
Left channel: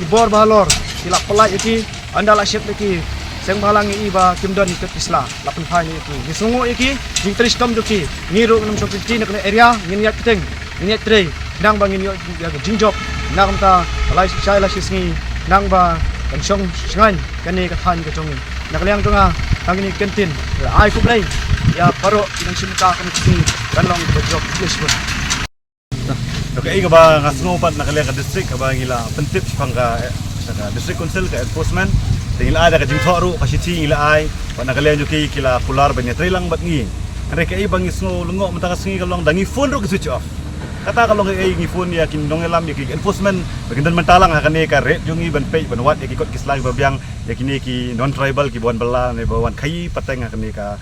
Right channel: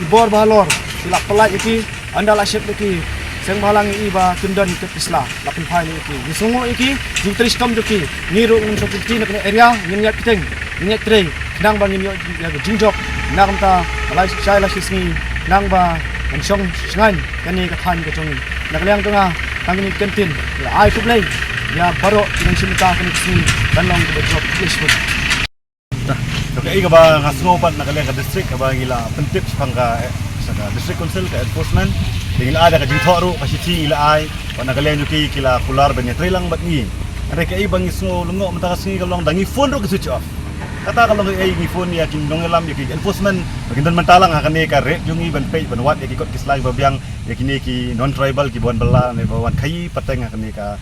kibor balor kila pelaj iki andala syek iki seng balang i ba kimdan ikut isla lapin phai ni iki disungu iki jing tristom juki niru num sok ti nak area nginyat kiteng nginyat tre nang bangin yo ya jing job nang ta alai sai la sisni nang ba kan song sngan kani ka than ka jongi nakliang tunga tangni kentin ai kublai ya paro nang simta kan sini kan long ba job placement Nah, okay ka ba ngasngo pat nakaliang ka district ka ba ngila pentip pangka sa district council ka enforcement tingil ada ka jingtho ru ka siti ila ai pa nakalian juki kila pular banya trilang bat ngi are ka ibang isno lungo mata ka singi kalong dangi phone ru ka switch off kata kalong ai ngi phone ya kin dong elam ya ki enforcement bagindan mentalang ha kane ka rep jungi ban page ban wat ya ki kot kislang babyang ya kini ki non tribal ki bon bala ne bawan khai pateng ha kane ka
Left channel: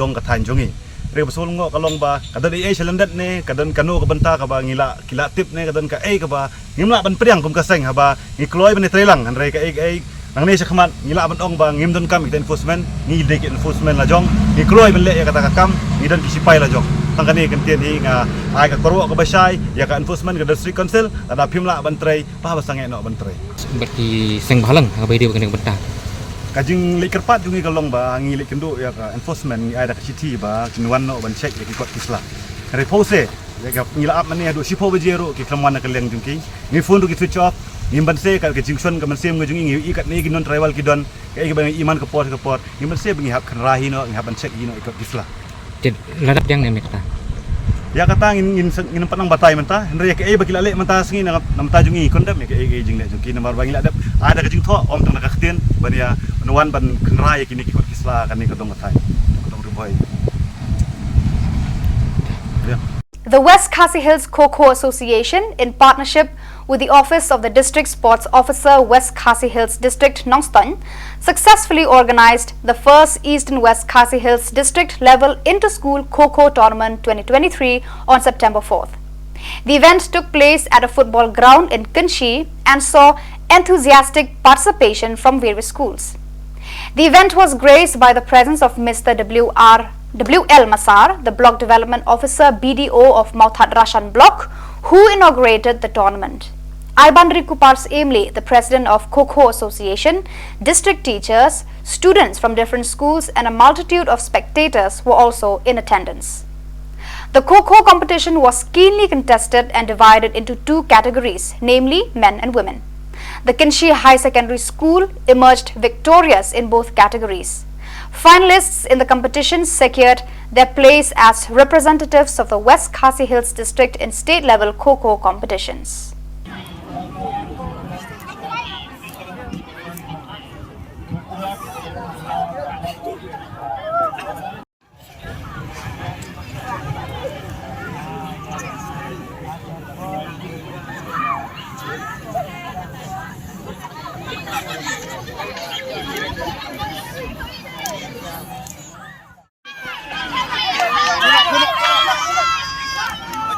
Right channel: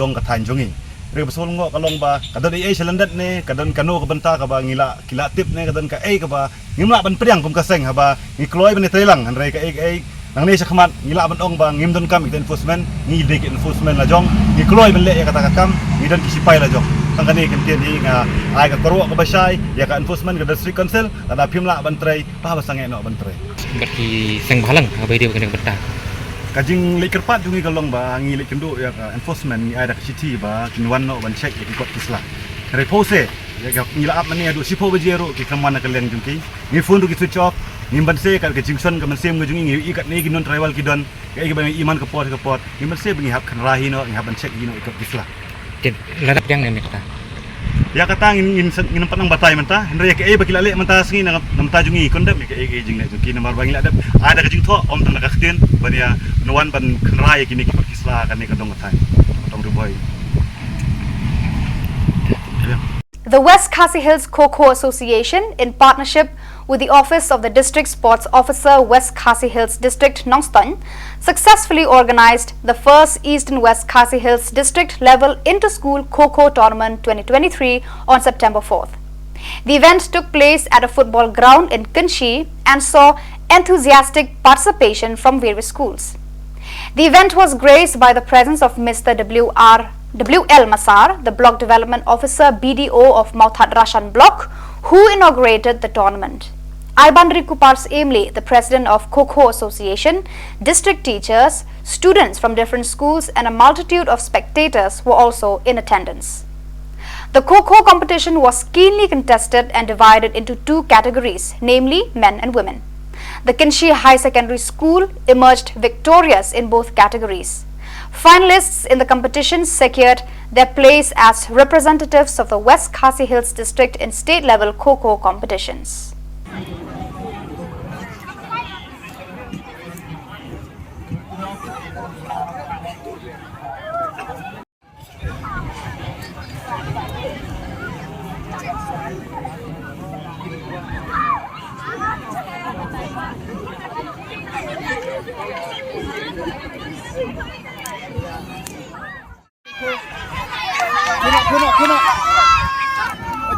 dong ka than jungi re basol ngo kalong ba kadon ai selandat ne kadon kano ka banta ka ba ngila kila tip ne kadon ka ai ka ba ngimla ban priang kum ka seng ha ba ngi kloy ban trilang han re ka ai nang ni sa khamat ngila ban ong ba ngim don kam ik enforcement ngi de enforcement la jong ngi kloy ban le ya kata ka kam ngi don kisipai la jong tang kani kan tien hi nga ai ka korwo ka basai ya ka enforcement ka district council ada phimla ban trai pa ba sange no ban trai Berarti seng balang abai dia kena benta. kajing le kerpat jungi kalong ba ngi le kendo ya ka enforcement ngi ai da city ba kinwan no ban check ya ki kot kisla re pose ya ka ngila ap mane adu sipo bejero ki kamwana ka leng jungki ngi phone ru ki switch off ngimban se ka jingson ka mansem ngajungi ngi ikat ne ginon tribal kidon ka igi bang iman ka pot ngimban se bangi hap kan rahi no ngi haban check ino ikot kisla Ladap yang ni kata. ya kata ngin panang batai menta henry ya ka ai bakila le menta singi na namta jungi kondam ya ka ai jing le jungki namar bangi ladap ada ka jing tho om tang ka khtin ban ya nuan ban kan rahi kini ki kisla kan ni ka dong thai dong rubai The West Khasi Hills Kho-Kho Association, in partnership with the Office of the District Sports Officer, West Khasi Hills District, Nongstoin, successfully organized the first East and West Khasi Hills District Level Inter-School Kho-Kho Tournament 2023 on September 4th. The event took place at a football ground in Kanchi and saw enthusiastic participation from various schools. The event was graced by the presence of Mr. W.L. Masar, the Block Development Officer BDO of Mauthat Rashan Block, who inaugurated the tournament. Ibandri Kupars Emle, the president of Kho Association, district teachers, students from different schools and a multitude of spectators were also in attendance. The Kho competition was keenly contested and divided into two categories, namely men and women. The Kinshi High Secondary School emerged victorious in both categories. Finalists in the competition secured their place as representatives of the West Khasi Hills district in state-level Kho competitions.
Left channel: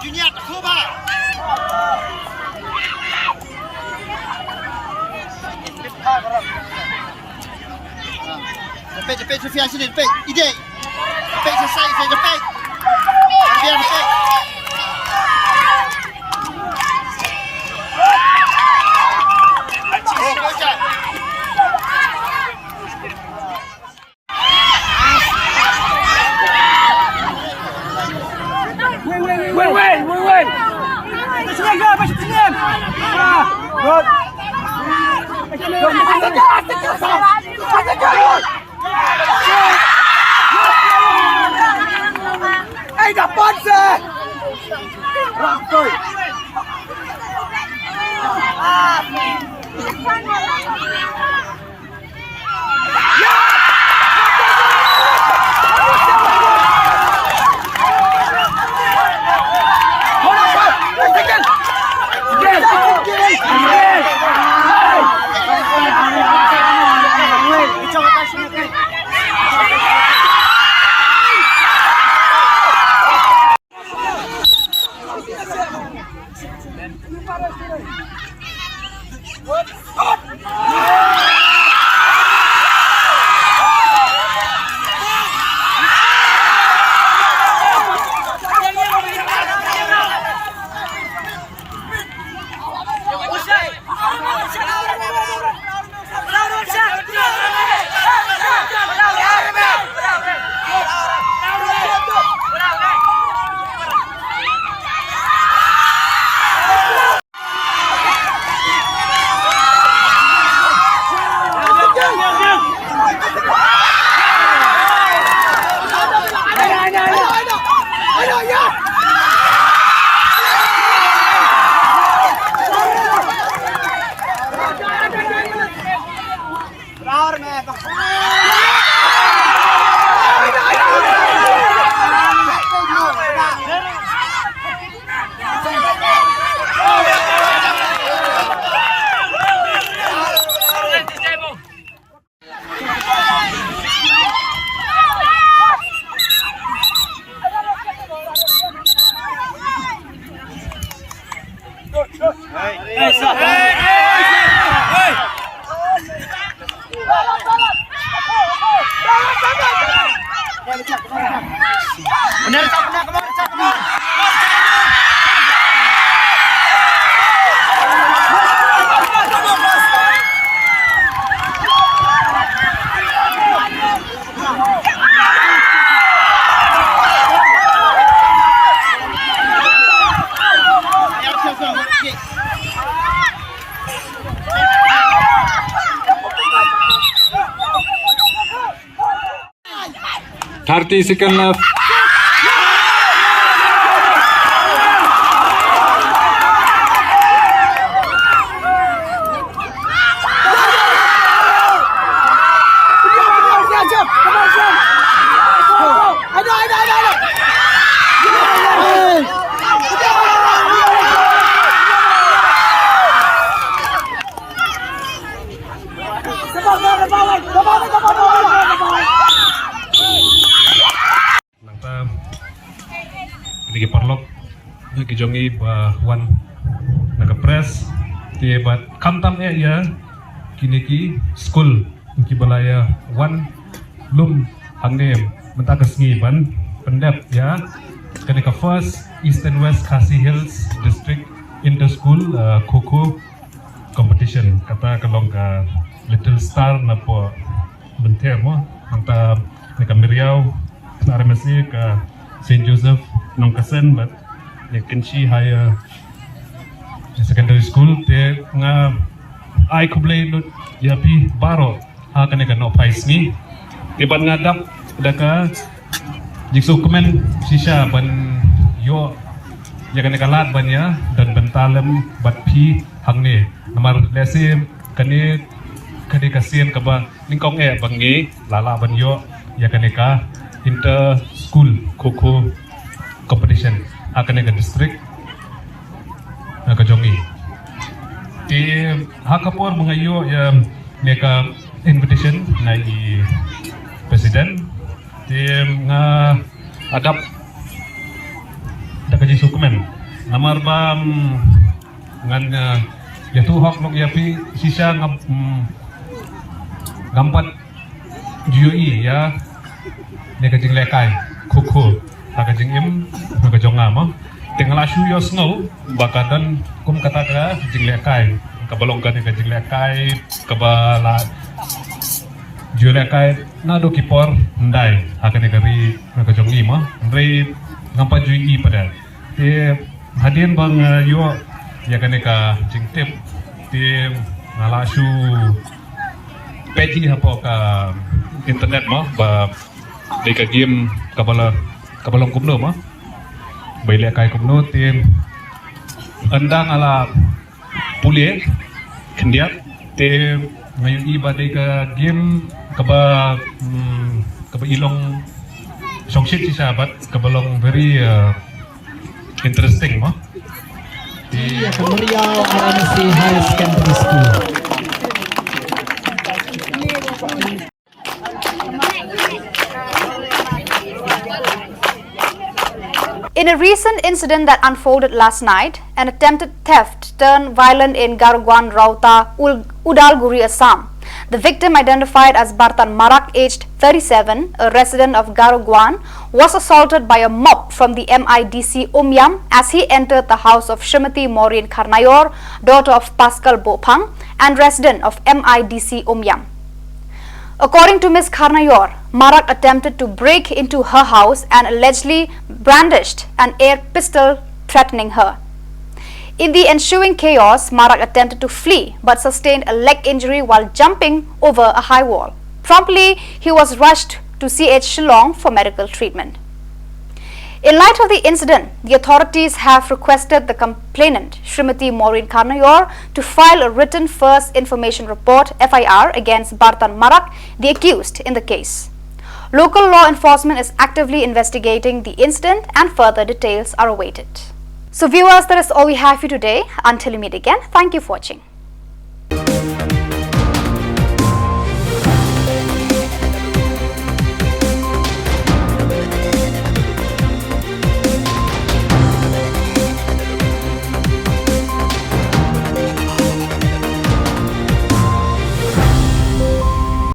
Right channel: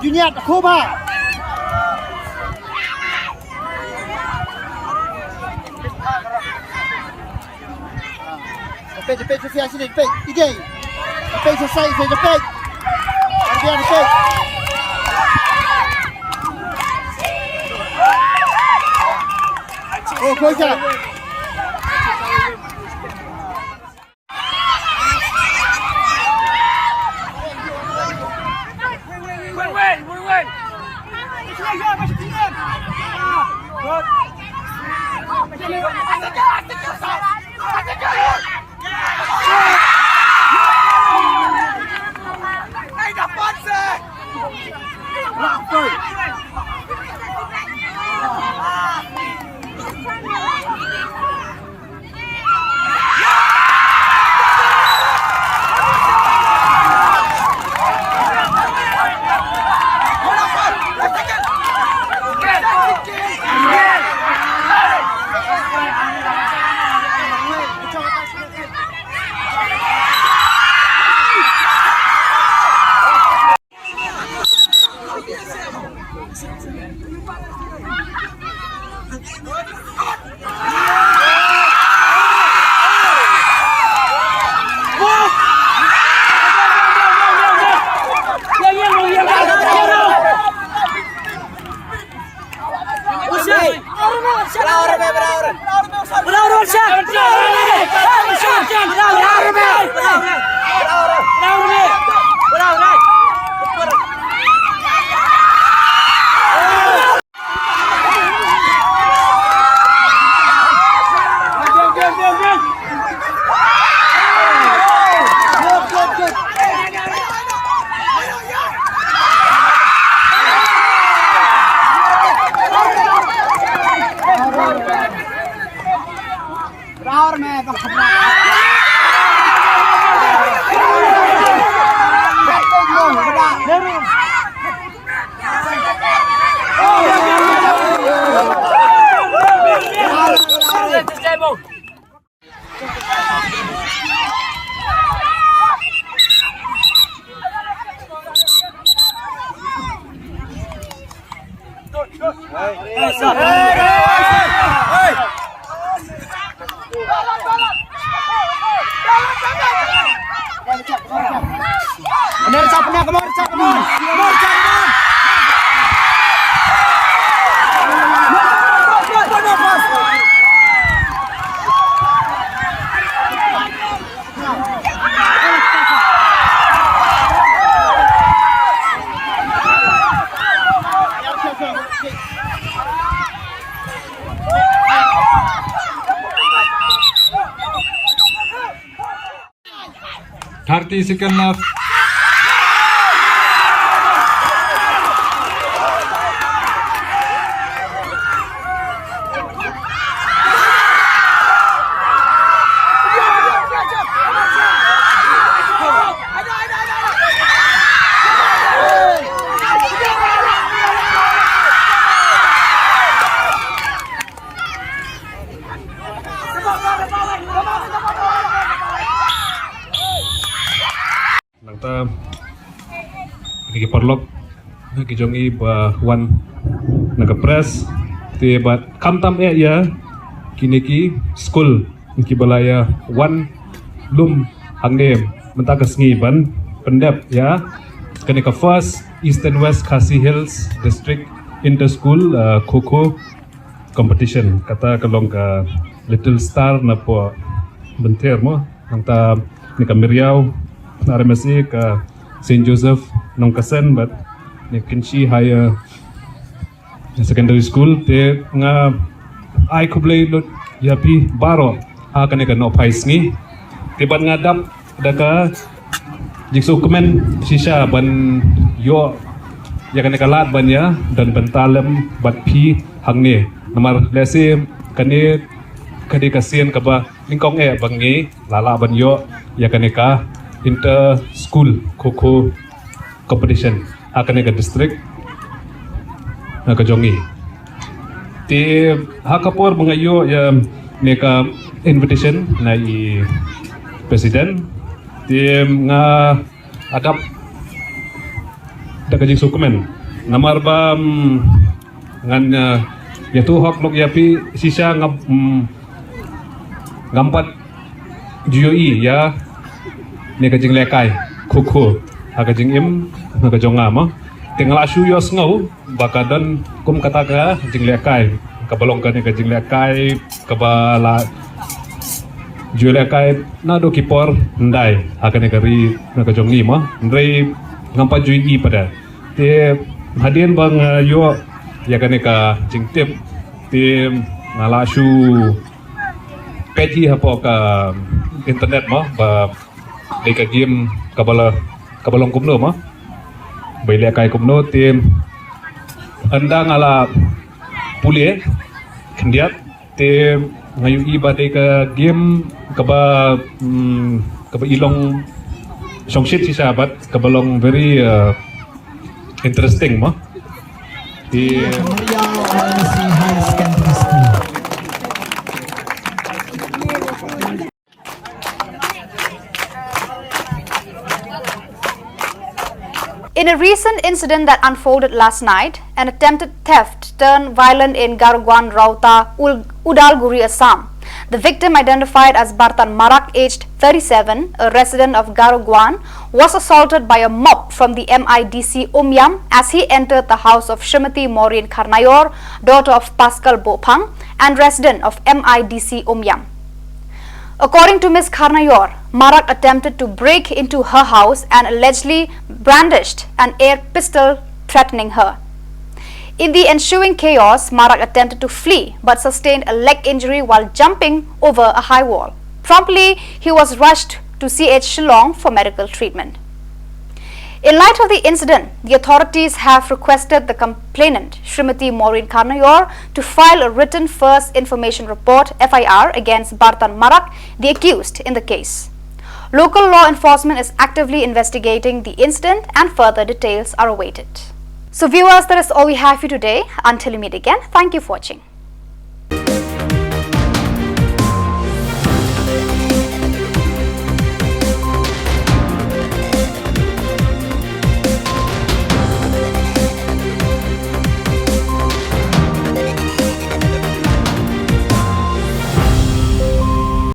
Junior Kuba. Cepet Sofia sini, cepet. Ide. Cepet selesai, cepet. Biar cepet. Oh, goja. Hey, the sponsor! Second left. Ini perlok kijongi ba wan naga press te bat kamtam ya kini ki school ki balaya wan lum hangem mentakas ngiban pendep ya kene ka first East and West Khasi Hills district inter-school kho competition kata kalong ka Little Star na po benter mo nangta ni Miriao na remasi ka St. Joseph nung kasen but ni Kinshi higher secondary school te nga ay kublay lot yapi baro ha kaneka no pais ngi tiban nga dap daka jikso kumen sisa ban yo ya kaneka lat ban ya dan bentalem bat pi hangne namar lesi kane kadi kasien kaba lingkong bangi lala ban yo ya kaneka inter school kho competition akan ke district ke Jongi ti hakapor mengayo ya neka invitation nai presiden ti nga adap dakaji sukumen namar bam ngan ya tu hak nok yapi sisa ngampat GUI ya neka jing lekai kho agajing im nagajonga mo tingala suyo snow bakadan kum kataka jing lekai kabalong kan ka jing lekai kabala julekai na do kipor ndai akan negari nagajongi mo ndai ngampa jui pada te hadin bang yo ya kan ka jing tip te ngala su peji hapo ka internet mo ba deka game kabalong kumno mo baile kai kumno tim anda ngala pulie kendiat tim ngayu iba deka game kaba ilong songshit si sahabat kabalong very interesting mo di High Secondary School. In a recent incident that unfolded last night, an attempted theft turned violent in Garugwan Rauta, Udalguri, Assam. The victim, identified as Bartan Marak, aged 37, a resident of Garugwan, was assaulted by a mob from the MIDC Umyam as he entered the house of Srimati Maureen Karnayor, daughter of Pascal Bopang and resident of MIDC Umyam. According to Ms. Karnayor, Marak attempted to break into her house and allegedly brandished an air pistol threatening her. In the ensuing chaos, Marak attempted to flee but sustained a leg injury while jumping over a high wall. Promptly, he was rushed to CH Shillong for medical treatment. In light of the incident, the authorities have requested the complainant, Srimati Maureen Karnayor, to file a written first information report (FIR) against Bartan Marak, the accused in the case. Local law enforcement is actively investigating the incident and further details are awaited. So viewers, that is all we have for you today. Until we meet again, thank you for watching.